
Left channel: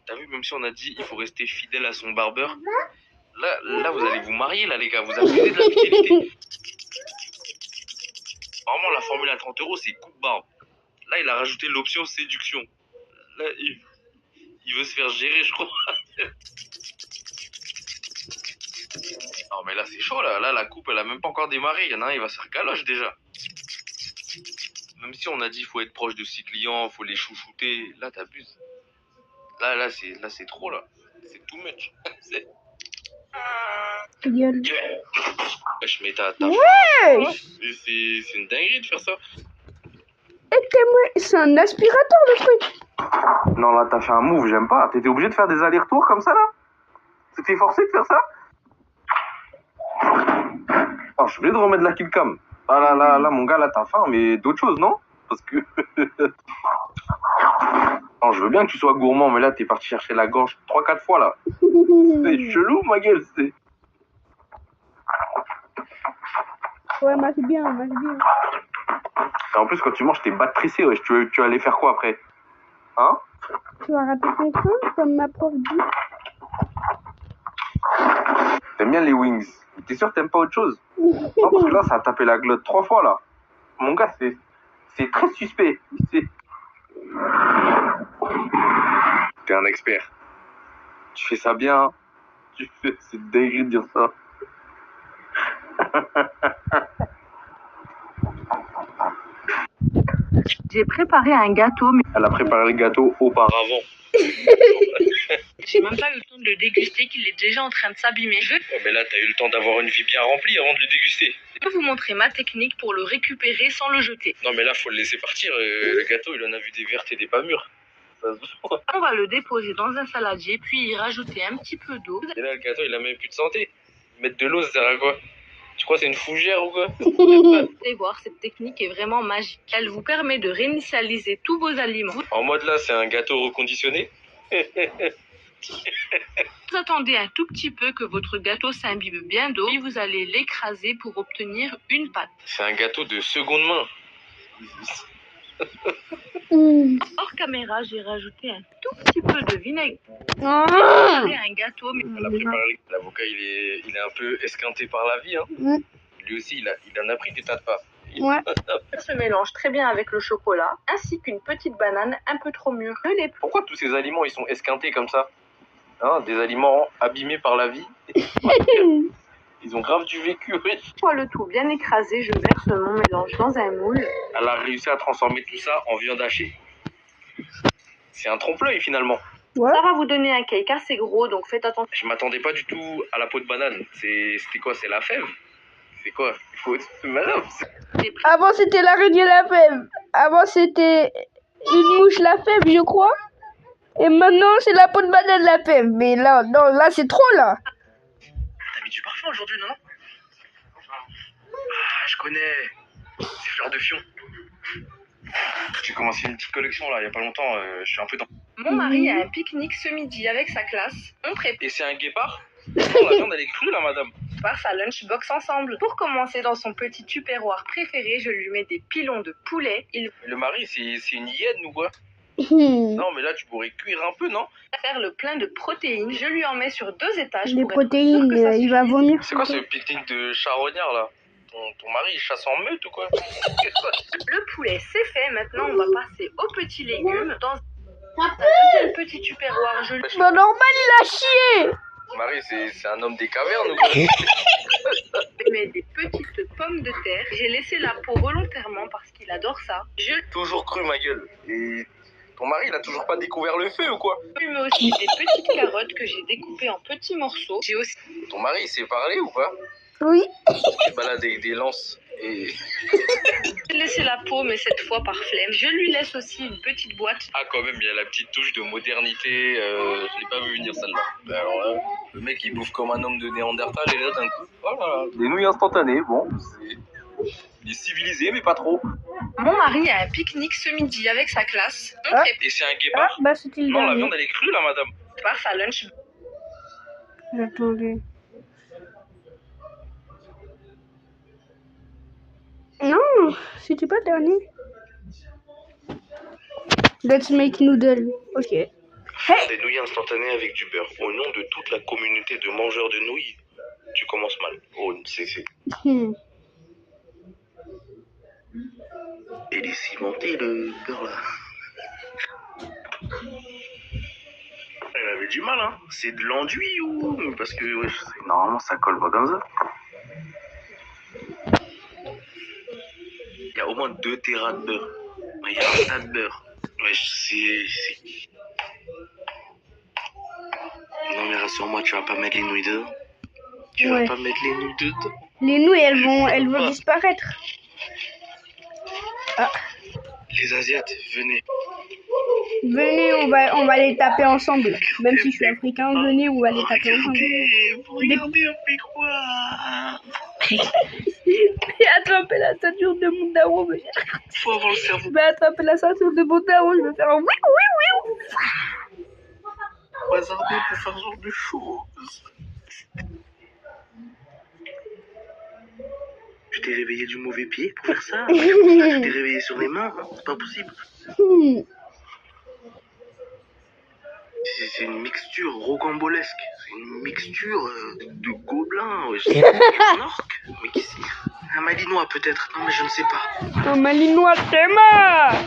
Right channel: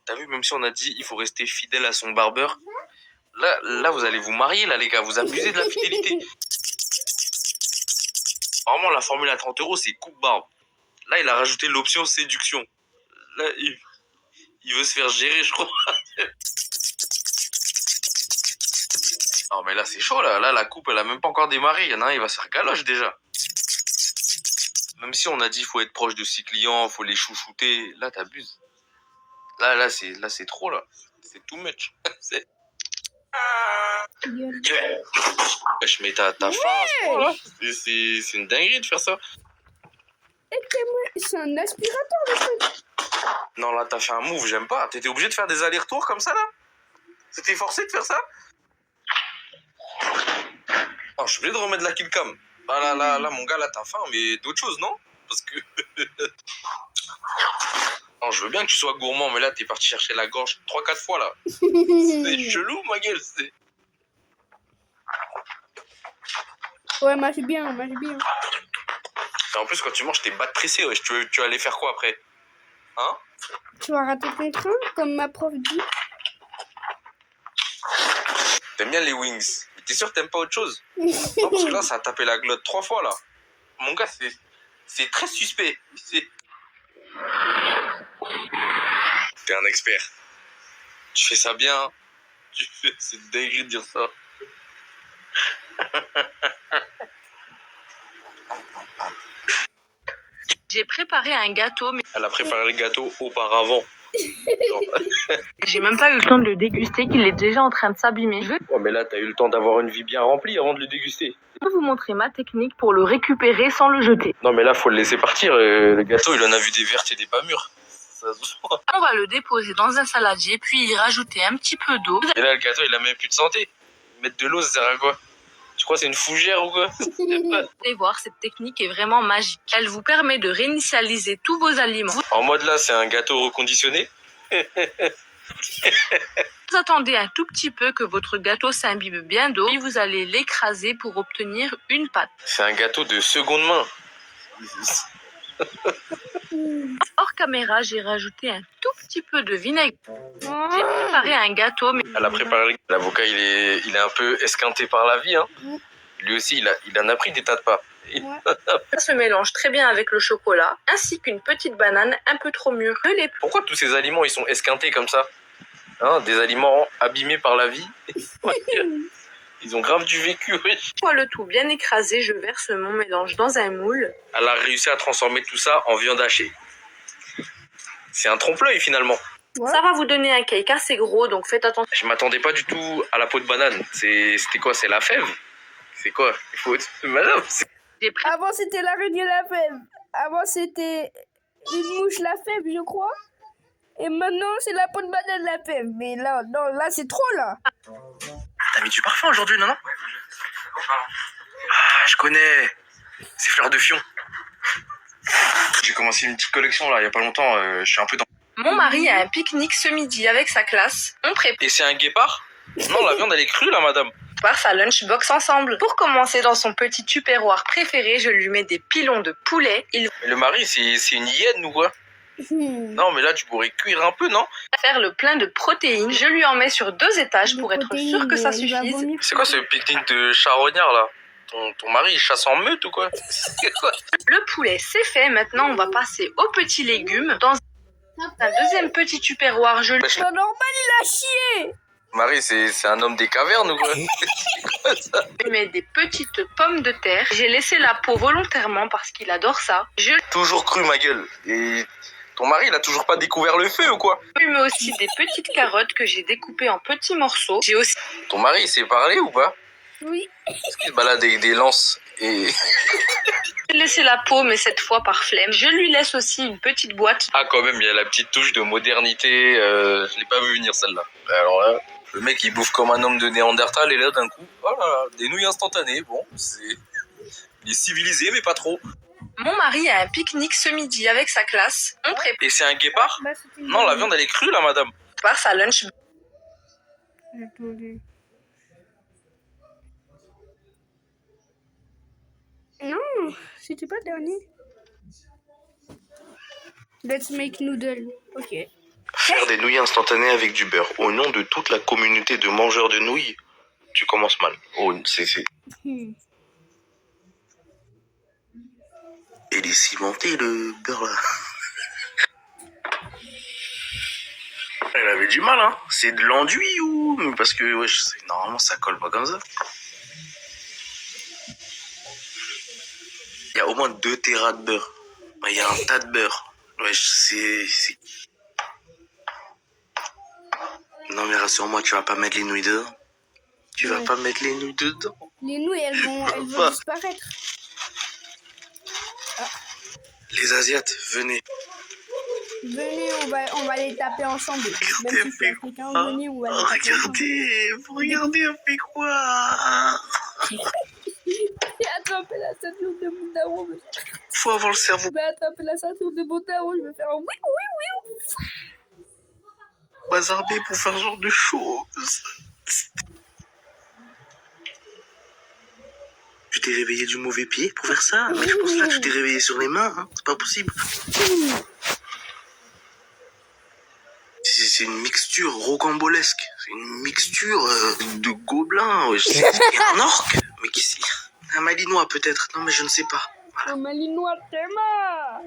T'as vu, même si on a dit il faut rester fidèle à son barbeur, là vous allez vous marier là les gars, vous abusez de la fidélité. Vraiment la formule à 30 €, c'est coupe barbe. Là il a rajouté l'option séduction. Là il veut se faire gérer je crois. Non mais là c'est chaud là, la coupe elle a même pas encore démarré, il y en a un il va se faire galoche déjà. Même si on a dit faut être proche de ses clients, faut les chouchouter, là t'abuses. Là c'est trop là. C'est too much. Gueule. Wesh, mais t'as faim. C'est une dinguerie de faire ça. C'est un aspirateur, le truc. Non là t'as fait un move, j'aime pas. T'étais obligé de faire des allers-retours comme ça là? T'étais forcé de faire ça? Non, je suis obligé de remettre la killcam. Ah là mon gars là t'as faim, mais d'autres choses non? Parce que... Non, je veux bien que tu sois gourmand, mais là, t'es parti chercher la gorge 3-4 fois, là. C'est chelou, ma gueule, c'est... Ouais, mange bien, mange bien. Et en plus, quand tu manges, t'es bas pressé, wesh. Tu vas aller faire quoi, après? Hein? Tu vas rater tes crânes, comme ma prof dit. T'aimes bien les wings. Mais t'es sûr que t'aimes pas autre chose? Non, parce que là, ça a tapé la glotte 3 fois, là. Mon gars, c'est très suspect. T'es un expert. Tu fais ça bien. C'est dingue de dire ça. J'ai préparé un gâteau, mais Elle a préparé le gâteau auparavant. j'ai même pas eu le temps de le déguster, qu'il est déjà en train de s'abîmer. Je vais Ouais, mais là, t'as eu le temps d'avoir une vie bien remplie avant de le déguster. vous montrer ma technique pour le récupérer sans le jeter. Non, mais là, faut le laisser partir. Le gâteau, il en a vu des vertes et des pas mûres. Ça se voit. On va le déposer dans un saladier, puis y rajouter un petit peu d'eau. Et là, le gâteau, il a même plus de santé. Mettre de l'eau, ça sert à quoi? Tu crois que c'est une fougère ou quoi? Vous allez voir, cette technique est vraiment magique. Elle vous permet de réinitialiser tous vos aliments. En mode là, c'est un gâteau reconditionné. Vous attendez un tout petit peu que votre gâteau s'imbibe bien d'eau, et vous allez l'écraser pour obtenir une pâte. C'est un gâteau de seconde main. Hors caméra, j'ai rajouté un tout petit peu de vinaigre. Préparer un gâteau, mais Elle a préparé. L'avocat, il est un peu esquinté par la vie. Hein. Lui aussi, il en a pris des tas de pas. Ouais. Ça se mélange très bien avec le chocolat, ainsi qu'une petite banane un peu trop mûre. Pourquoi tous ces aliments ils sont esquintés comme ça, hein? Des aliments abîmés par la vie. Ils ont grave du vécu, oui. Une fois le tout bien écrasé, je verse mon mélange dans un moule. Elle a réussi à transformer tout ça en viande hachée. C'est un trompe-l'œil finalement. Ouais. Ça va vous donner un cake assez gros, donc faites attention. Je m'attendais pas du tout à la peau de banane. C'était quoi? C'est la fève? C'est quoi? Il faut être madame. Avant, c'était l'araignée la fève. Avant, c'était une mouche la fève, je crois. Et maintenant, c'est la peau de banane la fève. Mais là, non, là, c'est trop, là. T'as mis du parfum aujourd'hui, non? Ah, je connais. C'est Fleur de Fion. J'ai commencé une petite collection là, il y a pas longtemps. Je suis un peu dans. Mon mari a un pique-nique ce midi avec sa classe. On prépare Et c'est un guépard? Non, la viande elle est crue là, madame. sa lunchbox ensemble. Pour commencer dans son petit tupperware préféré, je lui mets des pilons de poulet. Il Mais le mari, c'est une hyène ou quoi? Non, mais là tu pourrais cuire un peu, non? va faire le plein de protéines. Je lui en mets sur 2 étages Les pour être sûr protéines, que ça il va suffise. vomir. C'est quoi ce pique-nique de charognard là? Ton mari il chasse en meute ou quoi? Le poulet, c'est fait. Maintenant, on va passer aux petits légumes. Dans un deuxième petit tupperware, je lui C'est pas normal, il a chié. Mari, c'est un homme des cavernes ou quoi? mets des petites pommes de terre. J'ai laissé la peau volontairement parce qu'il adore ça. Je Toujours cru ma gueule. Et ton mari il a toujours pas découvert le feu ou quoi? lui mets aussi des petites carottes que j'ai découpées en petits morceaux. J'ai aussi Ton mari il sait parler ou pas? Oui. Parce qu'il se balade avec des lances et... laissé la peau, mais cette fois par flemme. Je lui laisse aussi une petite boîte. Ah quand même, il y a la petite touche de modernité, je l'ai pas vu venir celle-là. Alors là, le mec il bouffe comme un homme de Néandertal et là d'un coup, voilà, des nouilles instantanées, bon, il est civilisé mais pas trop. Mon mari a un pique-nique ce midi avec sa classe. On Et c'est un guépard? Bah, c'était le Non, la dernier. viande elle est crue là, madame. prépare sa lunch. Attendez. Non, c'était pas le dernier. Let's make noodle. Ok. Faire des nouilles instantanées avec du beurre au nom de toute la communauté de mangeurs de nouilles, tu commences mal. Oh, c'est... Hmm. Il est cimenté le beurre là. Elle avait du mal, hein. C'est de l'enduit ou... Parce que normalement ça colle pas comme ça. Il y a au moins 2 terras de beurre. Il y a un tas de beurre. C'est... Non mais rassure-moi, tu vas pas mettre les nouilles dedans. Tu vas Ouais. pas mettre les nouilles dedans. Les nouilles, elles vont disparaître. Les Asiates, venez. Venez, on va les taper ensemble. Même si je suis africain, venez, on va les taper ensemble. Regardez, on fait quoi? J'ai attrapé la ceinture de mon daron, mais Faut avoir le cerveau. je vais attraper la ceinture de mon daron, je vais faire un oui, oui, oui. Bazardé pour faire ce genre de choses. Tu t'es réveillé du mauvais pied pour faire ça? C'est pour ça que tu t'es réveillé sur les mains, hein. C'est pas possible. C'est une mixture rocambolesque. C'est une mixture de gobelins. C'est un orque. Mais qui c'est? Un malinois peut-être. Non mais je ne sais pas. Un malinois Théma.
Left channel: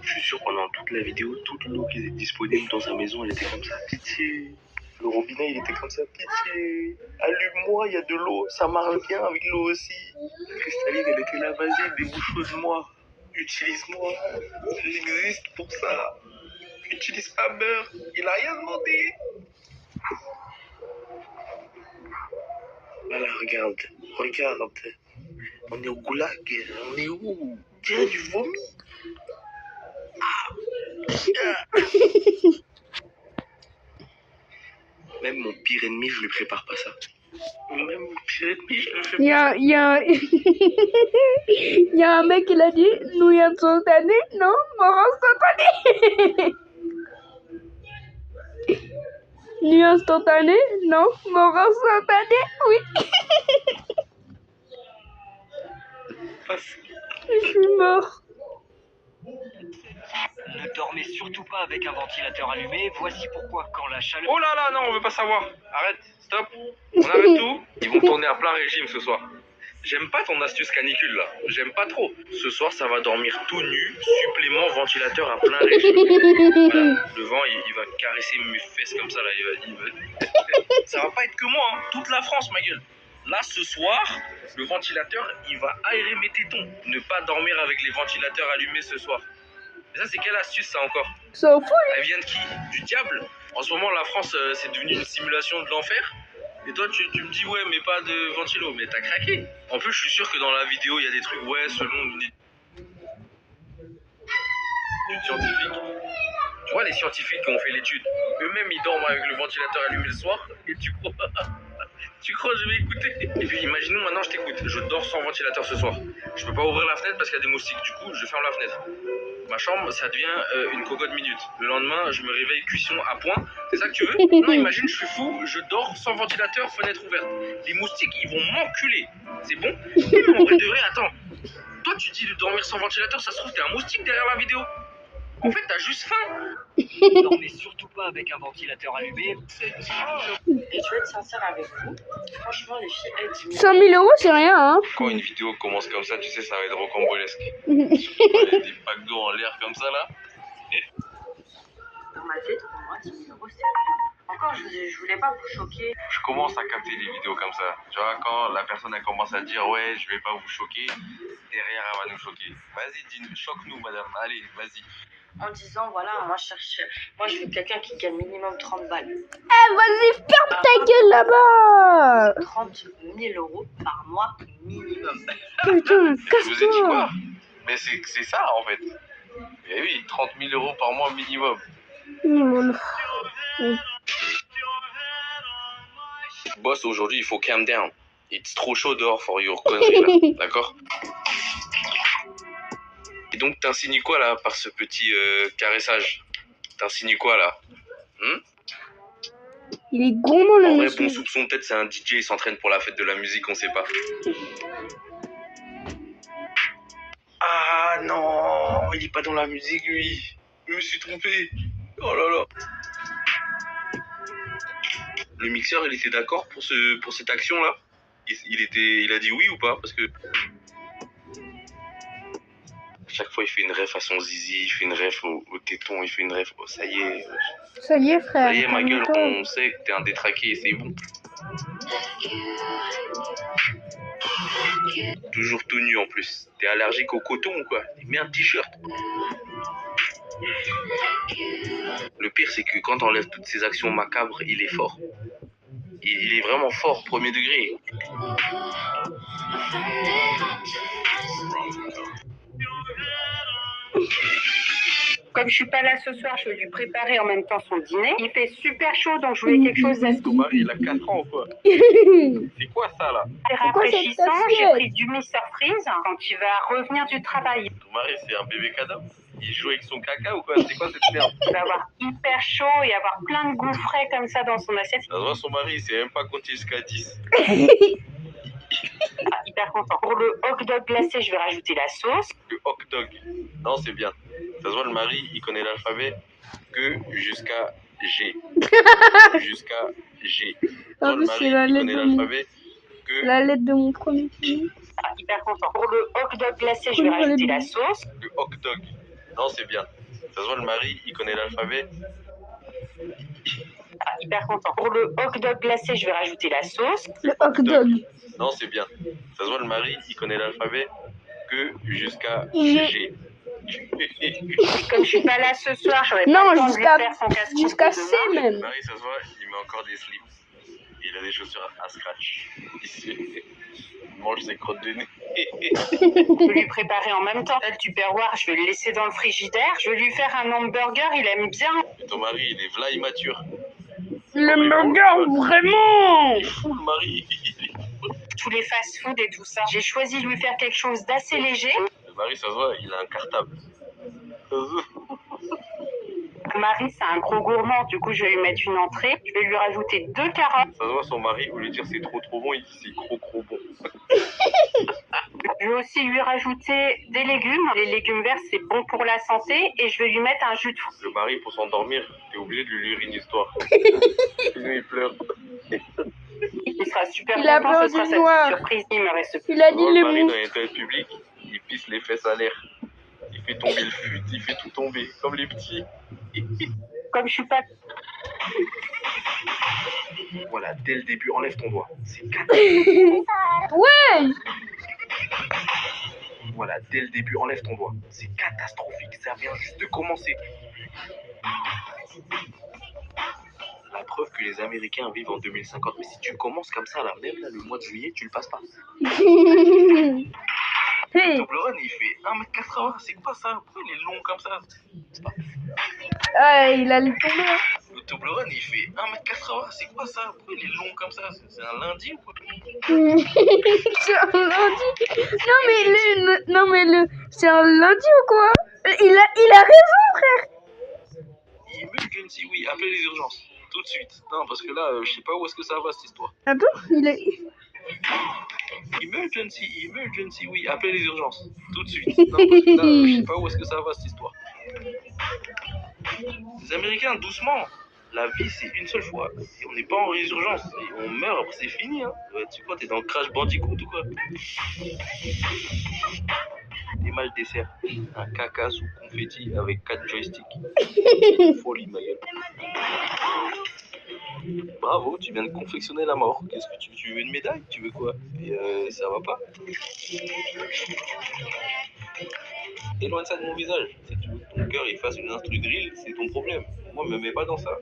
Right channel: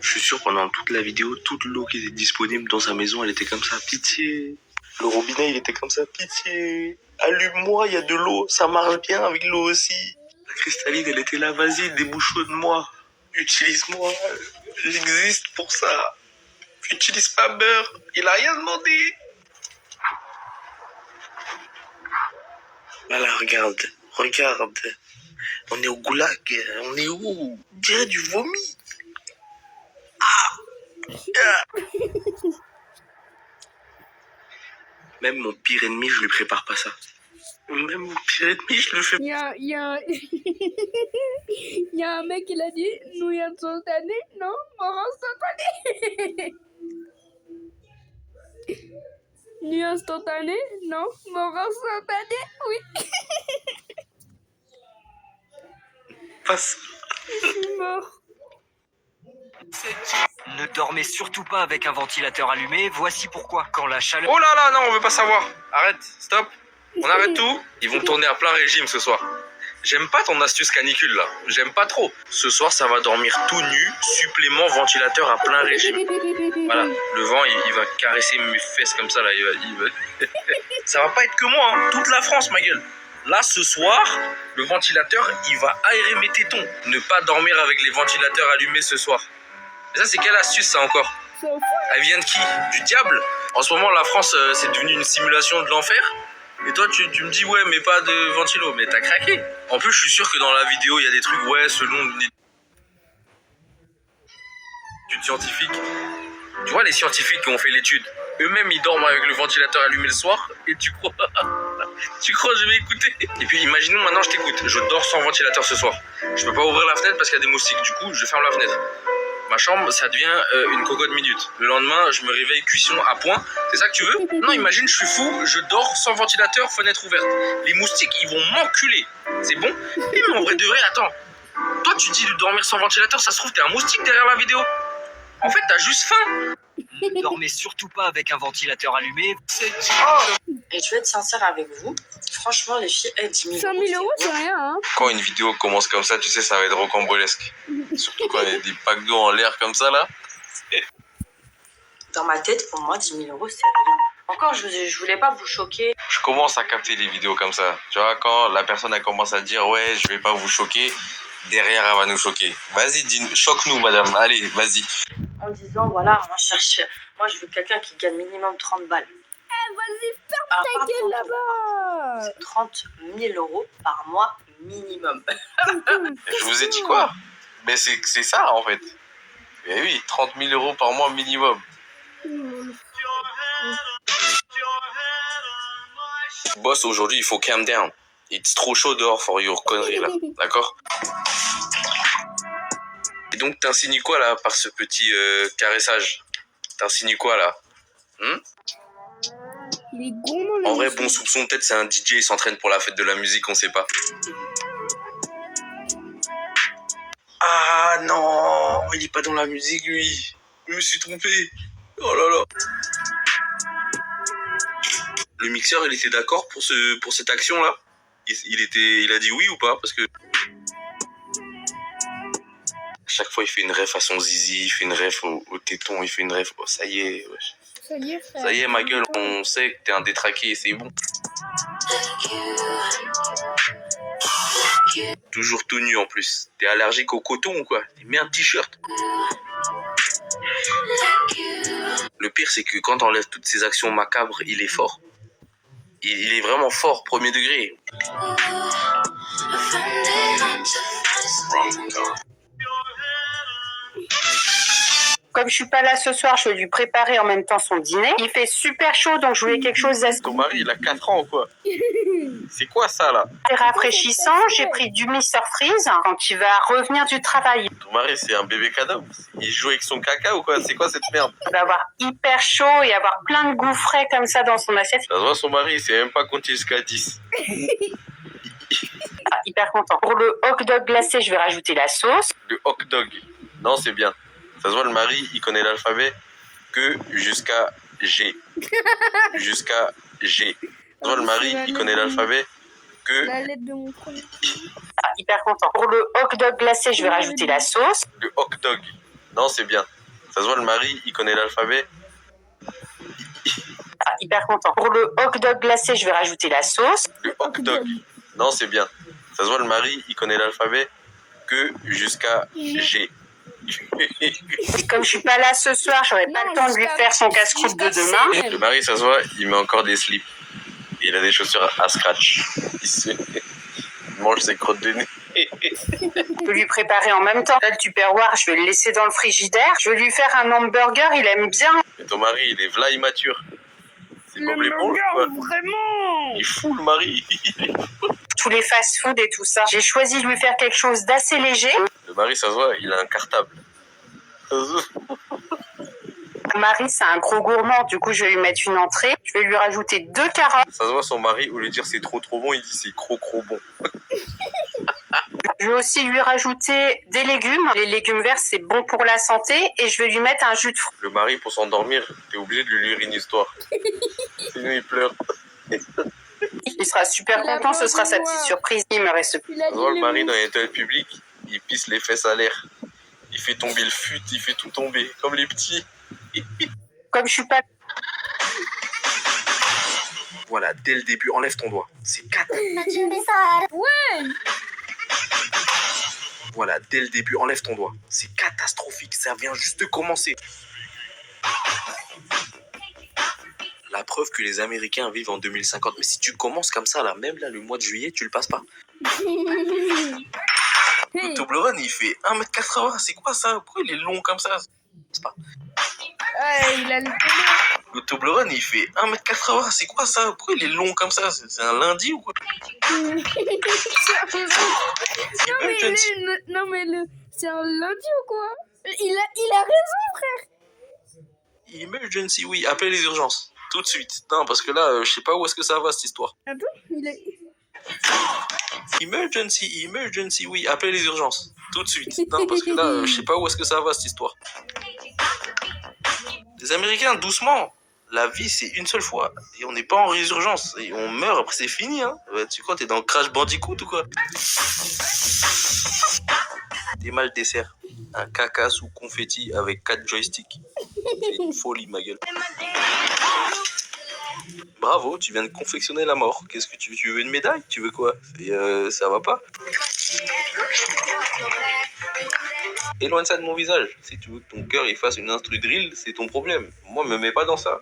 Je suis sûr pendant toute la vidéo, toute l'eau qui était disponible dans sa maison, elle était comme ça. Pitié. Le robinet, il était comme ça. Pitié. Allume-moi, il y a de l'eau. Ça marche bien avec l'eau aussi. La cristalline, elle était là. Vas-y, débouchonne-moi. Utilise-moi. J'existe pour ça. Utilise pas beurre. Il a rien demandé. Voilà, regarde. Regarde. On est au goulag. On est où? On dirait du vomi. Même mon pire ennemi, je lui prépare pas ça. Même mon pire ennemi, je le fais Il y a il y a un mec qui l'a dit, nouilles instantanées, non, mort instantané. Nuit instantanée, non, mort instantané, oui. pas ça. Je suis mort. Ne dormez surtout pas avec un ventilateur allumé, voici pourquoi. Quand la chaleur... Oh là là, non, on veut pas savoir. Arrête, stop. On arrête tout. Ils vont tourner à plein régime ce soir. J'aime pas ton astuce canicule là, j'aime pas trop. Ce soir ça va dormir tout nu, supplément ventilateur à plein régime. Voilà, le vent il va caresser mes fesses comme ça là, il va... Ça va pas être que moi, hein. Toute la France ma gueule. Là ce soir, le ventilateur il va aérer mes tétons. Ne pas dormir avec les ventilateurs allumés ce soir. Mais ça c'est quelle astuce ça encore? Ça fout. Elle vient de qui? Du diable? En ce moment la France c'est devenu une simulation de l'enfer. Et toi, tu me dis, ouais, mais pas de ventilo. Mais t'as craqué. En plus, je suis sûr que dans la vidéo, il y a des trucs, ouais, selon une étude scientifique. Tu vois, les scientifiques qui ont fait l'étude, eux-mêmes, ils dorment avec le ventilateur allumé le soir. Et tu crois que je vais écouter? Et puis, imaginons, maintenant, je t'écoute. Je dors sans ventilateur ce soir. Je peux pas ouvrir la fenêtre parce qu'il y a des moustiques. Du coup, je ferme la fenêtre. Ma chambre, ça devient une cocotte minute. Le lendemain, je me réveille cuisson à point. C'est ça que tu veux? Non, imagine, je suis fou, je dors sans ventilateur, fenêtre ouverte. Les moustiques, ils vont m'enculer. C'est bon? Mais en vrai de vrai, attends. Toi, tu dis de dormir sans ventilateur, ça se trouve, t'es un moustique derrière la vidéo. En fait, t'as juste faim. Ne dormez surtout pas avec un ventilateur allumé. Et je vais être sincère avec vous. Franchement, les filles, 10 000 100 000 euros, c'est rien, hein. Quand une vidéo commence comme ça, tu sais, ça va être rocambolesque. Surtout quand il y a des packs d'eau en l'air comme ça, là. Dans ma tête, pour moi, 10 000 euros, c'est rien. Encore, je voulais pas vous choquer. Je commence à capter les vidéos comme ça. Tu vois, quand la personne elle commence à dire, ouais, je vais pas vous choquer, derrière, elle va nous choquer. Vas-y, choque-nous, madame. Allez, vas-y. En disant, voilà, moi, je veux quelqu'un qui gagne minimum 30 balles. Eh, vas-y, ferme ta gueule là-bas. 30 000 euros par mois minimum. Putain, Je vous ai dit quoi? Mais c'est ça, en fait. Mais oui, 30 000 euros par mois minimum. Boss, aujourd'hui, il faut calm down. It's trop chaud dehors for your conneries, là. D'accord? Et donc, t'insinues quoi, là, par ce petit caressage? T'insinues quoi, là? Il est gourmand, le En vrai, monsieur. bon soupçon, peut-être c'est un DJ, il s'entraîne pour la fête de la musique, on sait pas. Ah non, il est pas dans la musique, lui. Je me suis trompé. Oh là là. Le mixeur, il était d'accord pour cette action-là? Il a dit oui ou pas? Parce que chaque fois, il fait une ref à son zizi, il fait une ref au téton, il fait une ref. Oh, ça y est. Ça y est, frère. Ça y est, ma gueule, on sait que t'es un détraqué, c'est bon. Toujours tout nu en plus. T'es allergique au coton ou quoi? Mets un t-shirt. Le pire, c'est que quand t'enlèves toutes ces actions macabres, il est fort. Il est vraiment fort, premier degré. Comme je suis pas là ce soir, je vais lui préparer en même temps son dîner. Il fait super chaud, donc je voulais quelque chose d'assez Ton mari, il a 4 ans, quoi. C'est quoi ça, là? rafraîchissant. J'ai pris du Mr Freeze quand il va revenir du travail. Ton mari, c'est un bébé cadeau. Il joue avec son caca ou quoi? C'est quoi cette merde? Il va avoir hyper chaud et avoir plein de goûts frais comme ça dans son assiette. Ça se voit, son mari, il sait même pas compter jusqu'à 10. Ah, hyper content. Pour le hot dog glacé, je vais rajouter la sauce. Le hot dog. Non, c'est bien. Ça se voit, le mari, il connaît l'alphabet que jusqu'à G. Jusqu'à G. Ça se voit, le mari, il connaît l'alphabet que... La lettre de mon premier film. Ah, hyper content. Pour le hot dog glacé, je vais rajouter la sauce. Le hot dog. Non, c'est bien. Ça se voit, le mari, il connaît l'alphabet. Ah, hyper content. Pour le hot dog glacé, je vais rajouter la sauce. Le hot dog. Non, c'est bien. Ça se voit, le mari, il connaît l'alphabet que jusqu'à G. Comme je suis pas là ce soir, j'aurais pas le temps de lui faire son casse-croûte de demain. Le mari, ça se voit, il met encore des slips. Il a des chaussures à scratch. Il mange ses crottes de nez. Je vais lui préparer en même temps. Là, le Tupperware, je vais le laisser dans le frigidaire. Je vais lui faire un hamburger, il aime bien. Et ton mari, il est v'là immature. Le burger, vraiment. Il est fou, le mari. Tous les fast-food et tout ça. J'ai choisi de lui faire quelque chose d'assez léger. Le mari, ça se voit, il a un cartable. Marie, c'est un gros gourmand, du coup, je vais lui mettre une entrée. Je vais lui rajouter 2 carottes. Ça se voit, son mari, au lieu de dire c'est trop bon, il dit c'est trop bon. Je vais aussi lui rajouter des légumes. Les légumes verts, c'est bon pour la santé. Et je vais lui mettre un jus de fruits. Le mari, pour s'endormir, t'es obligé de lui lire une histoire. Sinon, il pleure. Il sera super Il a content, ce peur sera du sa noir. petite surprise. Il me reste. Il a dit Moi, le les mari mots. dans les toilettes publiques, il pisse les fesses à l'air. Il fait tomber le fut, il fait tout tomber, comme les petits. Comme je suis pas. Voilà, dès le début, enlève ton doigt. C'est 4. Ouais. Voilà, dès le début, enlève ton doigt. C'est catastrophique, ça vient juste de commencer. La preuve que les Américains vivent en 2050. Mais si tu commences comme ça, là, même là, le mois de juillet, tu le passes pas. Le Toblerone, il fait 1m80. C'est quoi ça? Pourquoi il est long comme ça? C'est pas... Ah, il a le tournoi. Le Toblerone, il fait 1m80. C'est quoi ça? Pourquoi il est long comme ça? C'est un lundi ou quoi? Non mais le, c'est un lundi ou quoi? Il a raison, frère. Emergency, oui, appelle les urgences. Tout de suite. Non, parce que là, je sais pas où est-ce que ça va, cette histoire. Attends, il est... Emergency, oui, appelle les urgences. Tout de suite. Non, parce que là, je sais pas où est-ce que ça va, cette histoire. Les Américains, doucement. La vie, c'est une seule fois. Et on n'est pas en résurgence. Et on meurt, après c'est fini, hein. Tu crois, t'es dans Crash Bandicoot ou quoi? T'es mal dessert. Un caca sous confetti avec 4 joysticks. C'est une folie, ma gueule. Bravo, tu viens de confectionner la mort. Qu'est-ce que tu veux? Tu veux une médaille? Tu veux quoi? Et ça va pas? Éloigne ça de mon visage. Si tu veux que ton cœur il fasse une instru drill, c'est ton problème. Moi, me mets pas dans ça.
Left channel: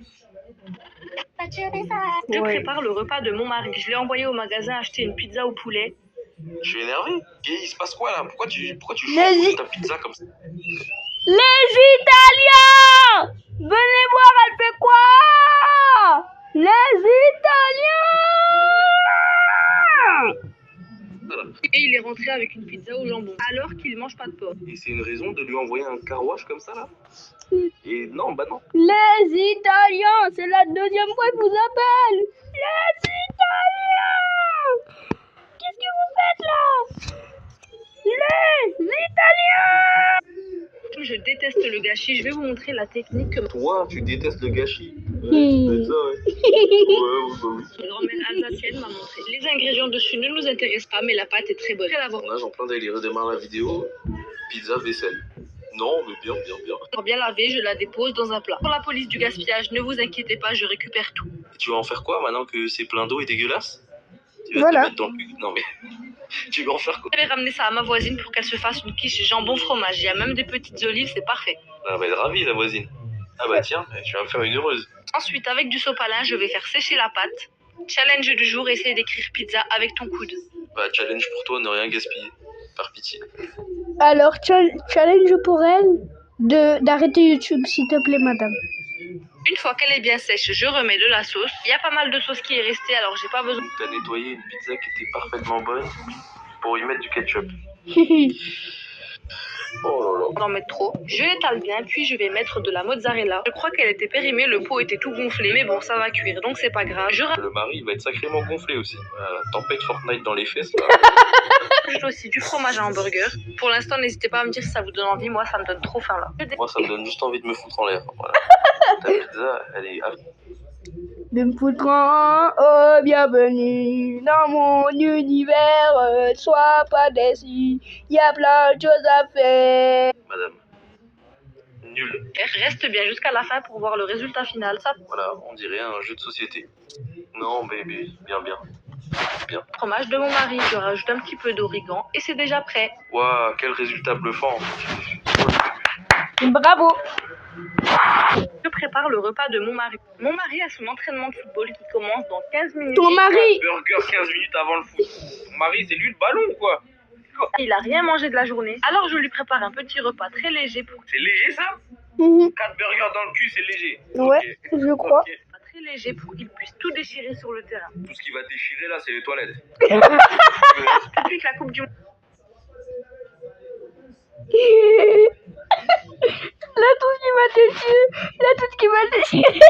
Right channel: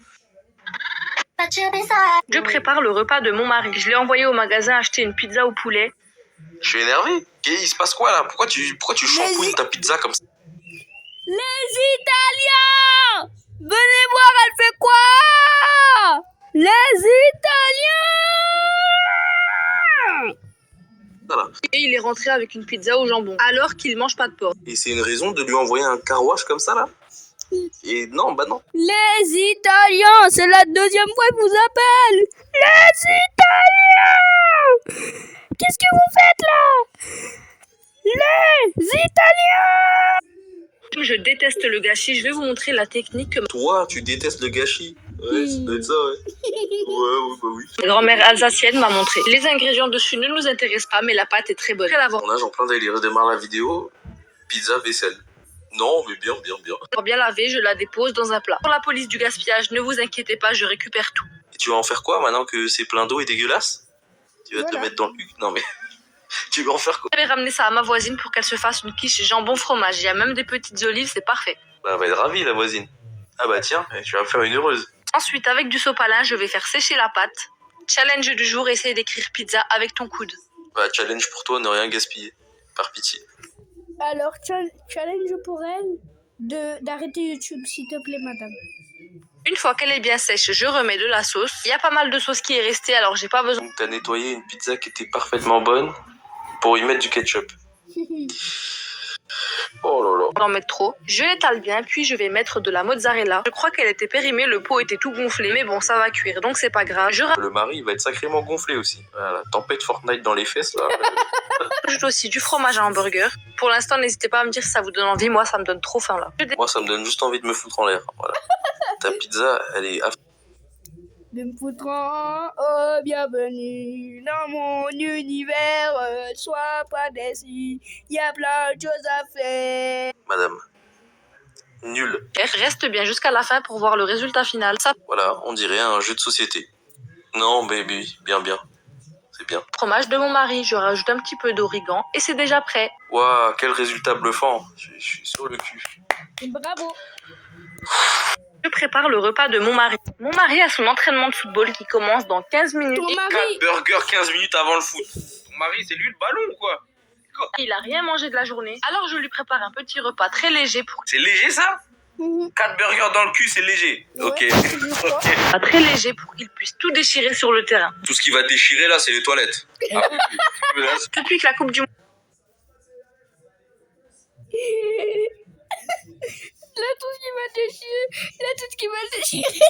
Je prépare le repas de mon mari. Je l'ai envoyé au magasin acheter une pizza au poulet. Je suis énervé. Il se passe quoi là? Pourquoi tu chambouilles ta pizza comme ça? Les Italiens! Venez voir, elle fait quoi? Les Italiens! Voilà. Et il est rentré avec une pizza au jambon. Alors qu'il mange pas de porc. Et c'est une raison de lui envoyer un car wash comme ça là? Et non, bah non. Les Italiens! C'est la deuxième fois que je vous appelle! Les Italiens! Qu'est-ce que vous faites là? Les Italiens! Je déteste le gâchis. Je vais vous montrer la technique que Toi, tu détestes le gâchis. Ouais, ça doit être ça, ouais. Ouais, bah oui. ma grand-mère alsacienne m'a montré. Les ingrédients dessus ne nous intéressent pas, mais la pâte est très bonne. On nage en plein délire. Je démarre la vidéo. Pizza, vaisselle. Non, mais bien. Pour bien laver, je la dépose dans un plat. Pour la police du gaspillage, ne vous inquiétez pas, je récupère tout. Et tu vas en faire quoi maintenant que c'est plein d'eau et dégueulasse? Tu vas Voilà. te mettre dans le cul? Non, mais tu vas en faire quoi? Je vais ramener ça à ma voisine pour qu'elle se fasse une quiche jambon fromage. Il y a même des petites olives, c'est parfait. Bah, elle va être ravie, la voisine. Ah bah tiens, tu vas me faire une heureuse. Ensuite, avec du sopalin, je vais faire sécher la pâte. Challenge du jour, essaye d'écrire pizza avec ton coude. Bah, challenge pour toi, ne rien gaspiller. Par pitié. Alors, challenge pour elle d'arrêter YouTube, s'il te plaît, madame. Une fois qu'elle est bien sèche, je remets de la sauce. Il y a pas mal de sauce qui est restée, alors j'ai pas besoin. T'as nettoyé une pizza qui était parfaitement bonne pour y mettre du ketchup. Oh là là. D'en mettre trop. Je l'étale bien, puis je vais mettre de la mozzarella. Je crois qu'elle était périmée, le pot était tout gonflé, mais bon, ça va cuire, donc c'est pas grave. Je Le mari il va être sacrément gonflé aussi. Voilà, tempête Fortnite dans les fesses là. rajoute aussi du fromage à hamburger. Pour l'instant, n'hésitez pas à me dire si ça vous donne envie. Moi, ça me donne trop faim là. Moi, ça me donne juste envie de me foutre en l'air. Voilà. Ta pizza, elle est... De me foutre en... Oh, bienvenue dans mon univers. Sois pas déçu. Y a plein de choses à faire. Madame. Nul. Reste bien jusqu'à la fin pour voir le résultat final. Ça, Voilà, on dirait un jeu de société. Non, baby, bien. fromage de mon mari, je rajoute un petit peu d'origan et c'est déjà prêt. Waouh, quel résultat bluffant. Bravo. Je prépare le repas de mon mari. Mon mari a son entraînement de football qui commence dans 15 minutes. Ton mari... Burger 15 minutes avant le foot. Mon mari, c'est lui le ballon ou quoi? Il a rien mangé de la journée. Alors je lui prépare un petit repas très léger pour... C'est léger ça? 4 burgers dans le cul, c'est léger. Ouais, Ok. je crois. Très léger pour qu'il puisse tout déchirer sur le terrain. Tout ce qui va déchirer là, c'est les toilettes. Depuis que la Coupe du Monde... Là, tout ce qui m'a déchiré,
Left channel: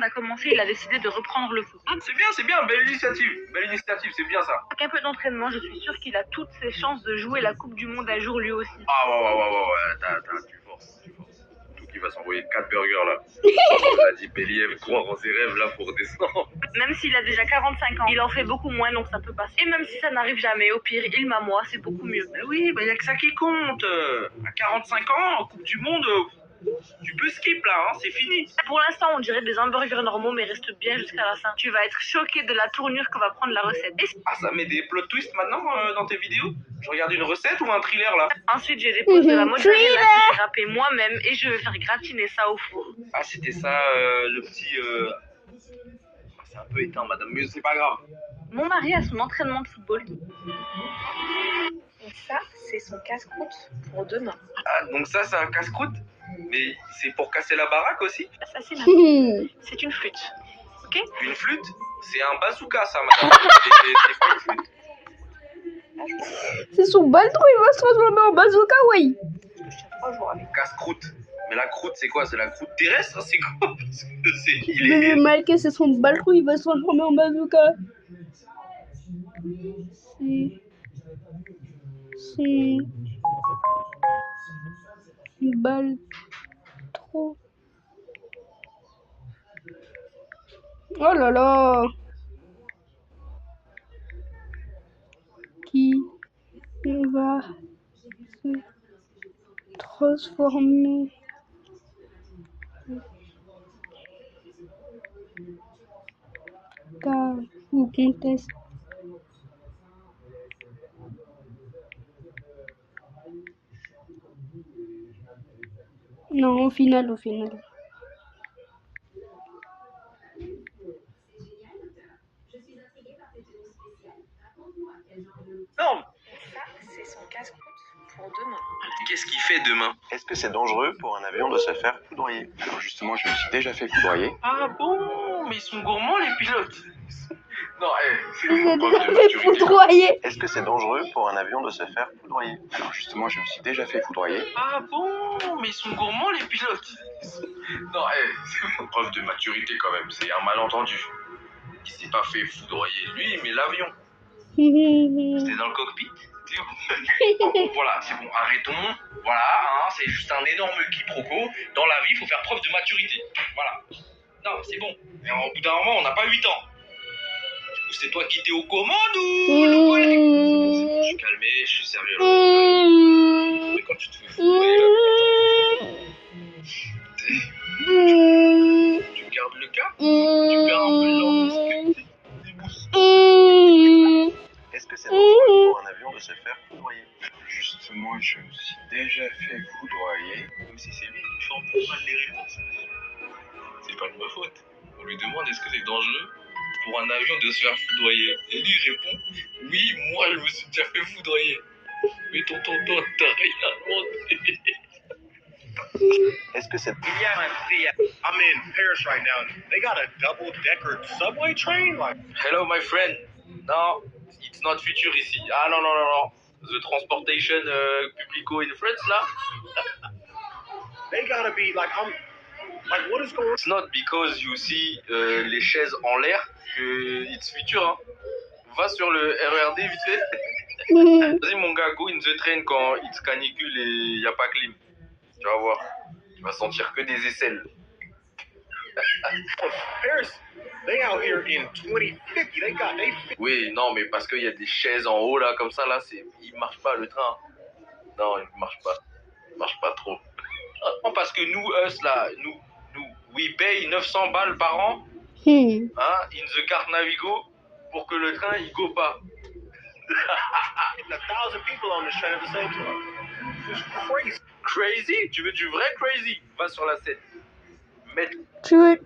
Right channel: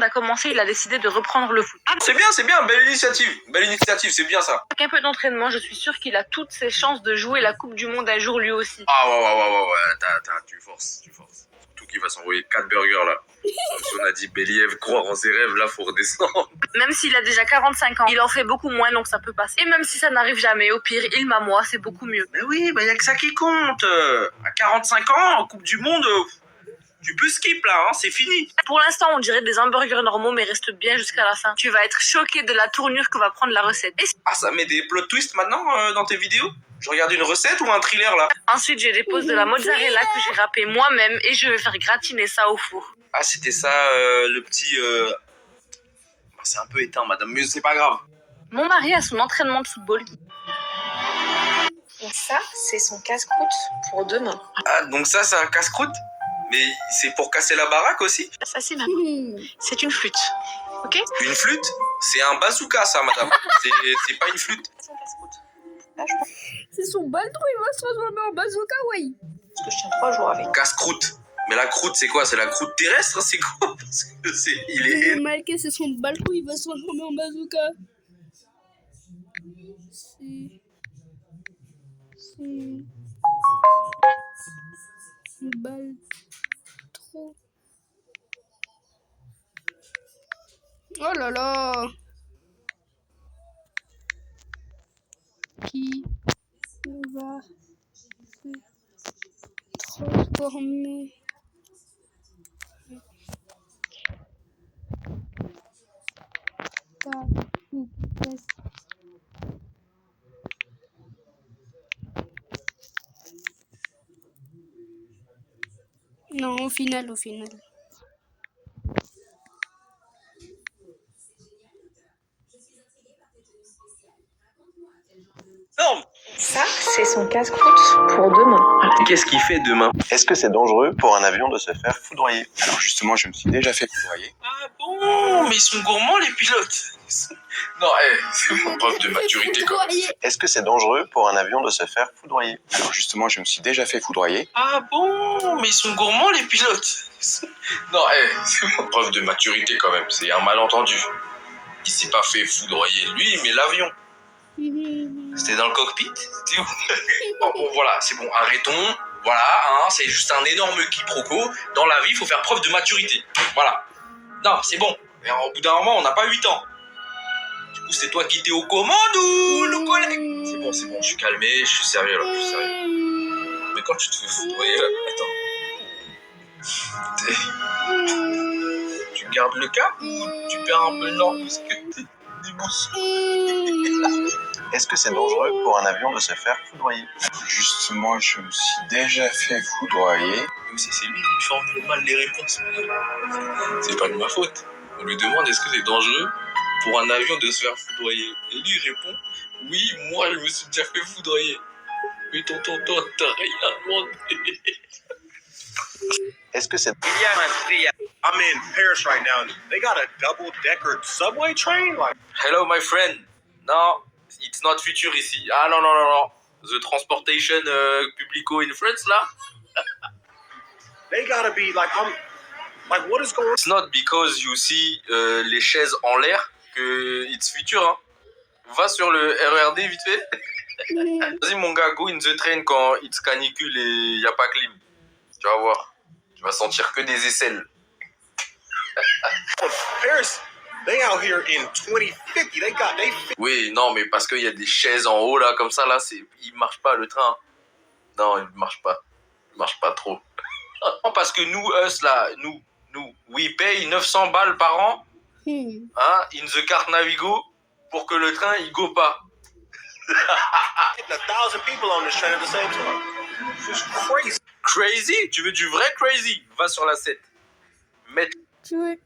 a commencé, il a décidé de reprendre le foot. C'est bien, belle initiative, c'est bien ça. Avec un peu d'entraînement, je suis sûre qu'il a toutes ses chances de jouer la Coupe du Monde un jour lui aussi. Ah ouais, attends, tu forces. Surtout qui va s'envoyer 4 burgers là. On a dit Believ, croire en ses rêves, là faut redescendre. Même s'il a déjà 45 ans, il en fait beaucoup moins, donc ça peut passer. Et même si ça n'arrive jamais, au pire, il m'a moi, c'est beaucoup mieux. Mais oui, bah y a que ça qui compte. À 45 ans, en Coupe du Monde, tu peux skip là, hein, c'est fini. Pour l'instant, on dirait des hamburgers normaux, mais reste bien jusqu'à la fin. Tu vas être choqué de la tournure que va prendre la recette. Ah, ça met des plot twists maintenant dans tes vidéos? Je regarde une recette ou un thriller là? Ensuite, je dépose de la mozzarella que j'ai râpée moi-même et je vais faire gratiner ça au four. Ah, c'était ça, le petit... C'est un peu éteint, madame, mais c'est pas grave. Mon mari a son entraînement de football. Ça, c'est son casse-croûte pour demain. Ah, donc ça, c'est un casse-croûte? Mais c'est pour casser la baraque aussi? Ça, c'est c'est une flûte. Ok? Une flûte? C'est un bazooka, ça, madame. C'est pas une flûte. C'est son baltron, il va se transformer en bazooka, oui. Parce que je tiens 3 jours avec. Casse-croûte. Mais la croûte, c'est quoi? C'est la croûte terrestre? C'est quoi? Parce que il est... Malké, c'est son baltron, il va se transformer en bazooka. C'est... Baltron. Oh là là. Qui va se transformer ou comtesse. Non, au final. Non. Ça, c'est son casse-croûte pour demain. Qu'est-ce qu'il fait demain? Est-ce que c'est dangereux pour un avion de se faire foudroyer? Alors justement, je me suis déjà fait foudroyer. Ah bon? Mais ils sont gourmands, les pilotes. Non, c'est une preuve de maturité. Foudroyer. Est-ce que c'est dangereux pour un avion de se faire foudroyer? Alors justement, je me suis déjà fait foudroyer. Ah bon? Mais ils sont gourmands, les pilotes. Non, c'est une preuve de maturité quand même. C'est un malentendu. Il s'est pas fait foudroyer lui, mais l'avion. C'était dans le cockpit? Bon, voilà, c'est bon, arrêtons. Voilà, hein, c'est juste un énorme quiproquo. Dans la vie, il faut faire preuve de maturité. Voilà. Non, c'est bon. Et au bout d'un moment, on n'a pas 8 ans. Du coup, c'est toi qui t'es aux commandes ou le collègue? C'est bon, je suis calmé, je suis sérieux là, je suis sérieux. Mais quand tu te fais foudroyer là, attends. Tu gardes le cap? Tu perds un peu l'orgue? Est-ce que c'est dangereux pour un avion de se faire foudroyer? Justement, je me suis déjà fait foudroyer. C'est lui qui formule mal les réponses. C'est pas de ma faute. On lui demande est-ce que c'est dangereux pour un avion de se faire foudroyer. Et lui il répond oui, moi je me suis déjà fait foudroyer. Mais tonton, t'as rien demandé. Est-ce que c'est... I'm in Paris right now. They got a double-decker subway train. Like, Hello my friend. No, it's not future ici. Ah non. The transportation publico in France là. they gotta be like, what is going on? It's not because you see les chaises en l'air que it's future. Hein. Va sur le RERD vite fait. Vas-y mon gars, go in the train quand it's canicule et il n'y a pas clim. Tu vas voir. Tu vas sentir que des aisselles. Paris, they out here in 2050. Oui, non, mais parce qu'il y a des chaises en haut là, comme ça là, il marche pas le train. Non, il marche pas. Il marche pas trop. Non, parce que nous, là, nous, we pay 900 balles par an, hein, in the carte Navigo, pour que le train il go pas. 1,000 people on this train at the same time. It's crazy. Crazy? Tu veux du vrai crazy? Va sur la 7.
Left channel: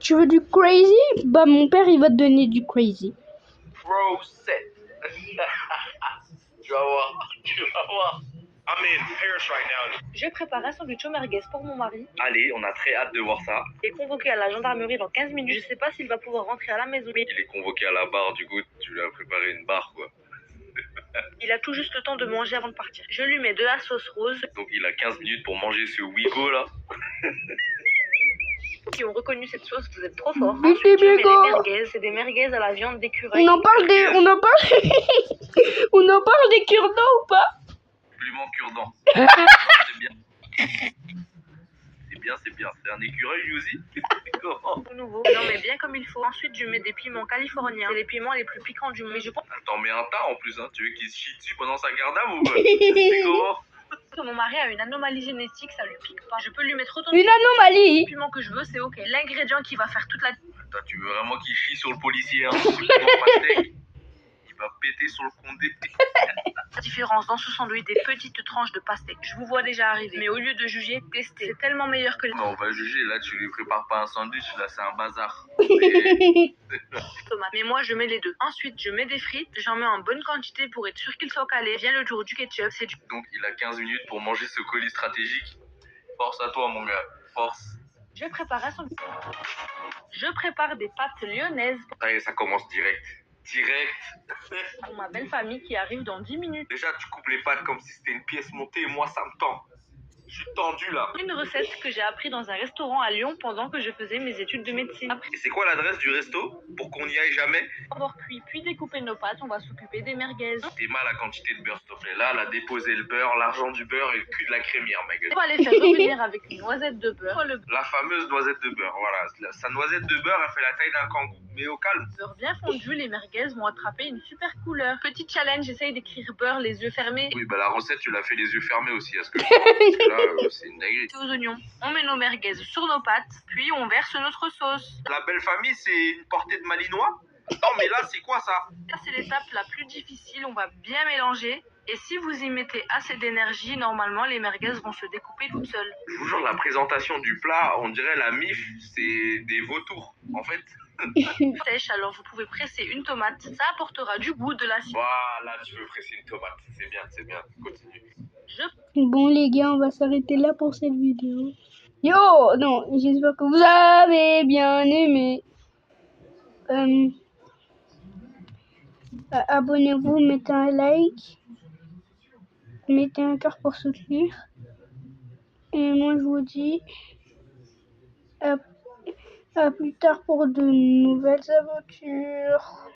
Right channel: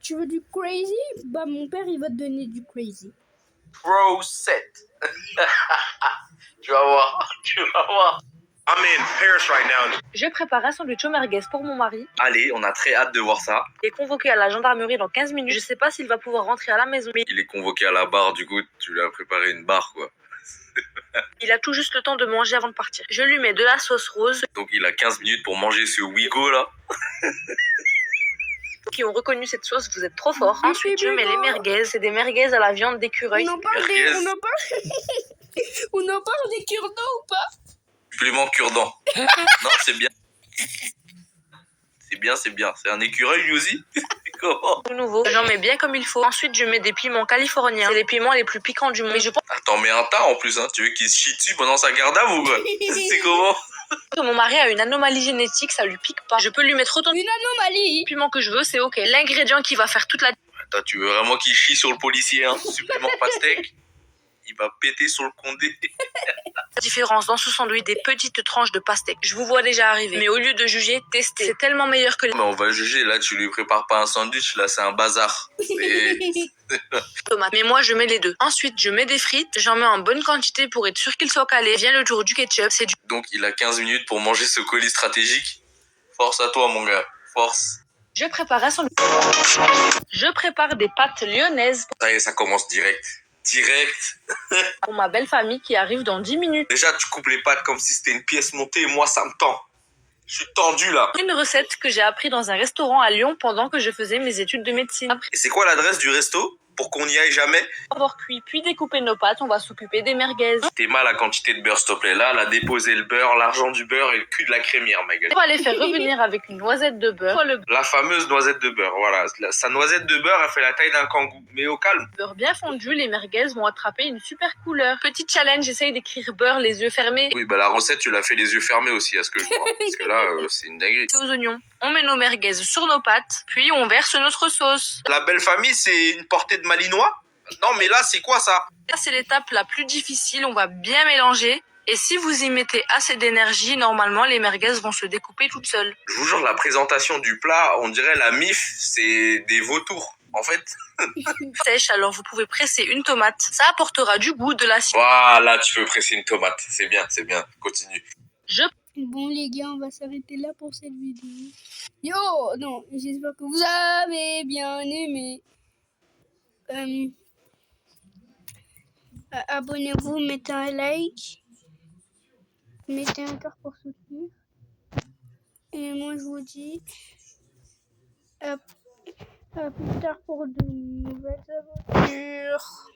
Tu veux du crazy? Bah mon père il va te donner du crazy. Pro 7. Tu vas voir. I'm in Paris right now. Je prépare un sandwich au merguez pour mon mari. Allez, on a très hâte de voir ça. Il est convoqué à la gendarmerie dans 15 minutes. Je sais pas s'il va pouvoir rentrer à la maison. Mais Il est convoqué à la barre, du coup, tu lui as préparé une barre, quoi. il a tout juste le temps de manger avant de partir. Je lui mets de la sauce rose. Donc il a 15 minutes pour manger ce Wigo là. Qui ont reconnu cette sauce, vous êtes trop fort. Mais Ensuite, je c'est mets Wigo. les merguez. C'est des merguez à la viande d'écureuil. On en parle des cure-dents ou pas? Supplément cure-dent. Non, c'est bien. C'est bien, c'est bien. C'est un écureuil lui aussi. Comment? Tout nouveau. J'en mets bien comme il faut. Ensuite, je mets des piments californiens. C'est les piments les plus piquants du monde. Mais je pense Attends, mais un tas en plus, hein. Tu veux qu'il se chie dessus pendant sa garde à vous, quoi? C'est comment? que mon mari a une anomalie génétique, ça lui pique pas. Je peux lui mettre autant Une anomalie. de piments que je veux, c'est ok. L'ingrédient qui va faire toute la Attends, tu veux vraiment qu'il chie sur le policier, hein? Supplément pastèque? Il va péter sur le condé. différence dans ce sandwich, des petites tranches de pastèque. Je vous vois déjà arriver. Mais au lieu de juger, testez. C'est tellement meilleur que les Mais on va juger, là, tu lui prépares pas un sandwich, là, c'est un bazar. tomates. Mais moi, je mets les deux. Ensuite, je mets des frites. J'en mets en bonne quantité pour être sûr qu'ils soient calés. Vient le tour du ketchup. C'est du Donc, il a 15 minutes pour manger ce colis stratégique. Force à toi, mon gars. Force. Je prépare un sandwich. Je prépare des pâtes lyonnaises Ça y est, ça commence direct. Direct. pour ma belle famille qui arrive dans 10 minutes. Déjà, tu coupes les pâtes comme si c'était une pièce montée. Moi, ça me tend. Je suis tendu, là. Une recette que j'ai appris dans un restaurant à Lyon pendant que je faisais mes études de médecine. Après Et c'est quoi l'adresse du resto? Pour qu'on n'y aille jamais? avoir cuit puis découpé nos pâtes, on va s'occuper des merguez. T'es mal la quantité de beurre, s'il te plaît. Là, elle a déposé le beurre, l'argent du beurre et le cul de la crémière, ma gueule. On va les faire revenir avec une noisette de beurre. Le La fameuse noisette de beurre, voilà. Sa noisette de beurre, elle fait la taille d'un kangou. Mais au calme. beurre bien fondu, les merguez vont attraper une super couleur. Petit challenge, j'essaye d'écrire beurre les yeux fermés. Oui, bah la recette, tu l'as fait les yeux fermés aussi, à ce que je crois. Parce que là, c'est une dinguerie. Aux oignons. On met nos merguez sur nos pâtes, puis on verse notre sauce. La belle famille, c'est une portée de malinois? Non, mais là, c'est quoi ça? Là, c'est l'étape la plus difficile, on va bien mélanger. Et si vous y mettez assez d'énergie, normalement, les merguez vont se découper toutes seules. Je vous jure, la présentation du plat, on dirait la MIF, c'est des vautours. En fait, Sèche, alors vous pouvez presser une tomate. Ça apportera du goût, de l'acide. voilà, tu peux presser une tomate. C'est bien, continue. Je Bon les gars, on va s'arrêter là pour cette vidéo. Yo, non, j'espère que vous avez bien aimé. Abonnez-vous, mettez un like, mettez un cœur pour soutenir. Et moi je vous dis à plus tard pour de nouvelles aventures.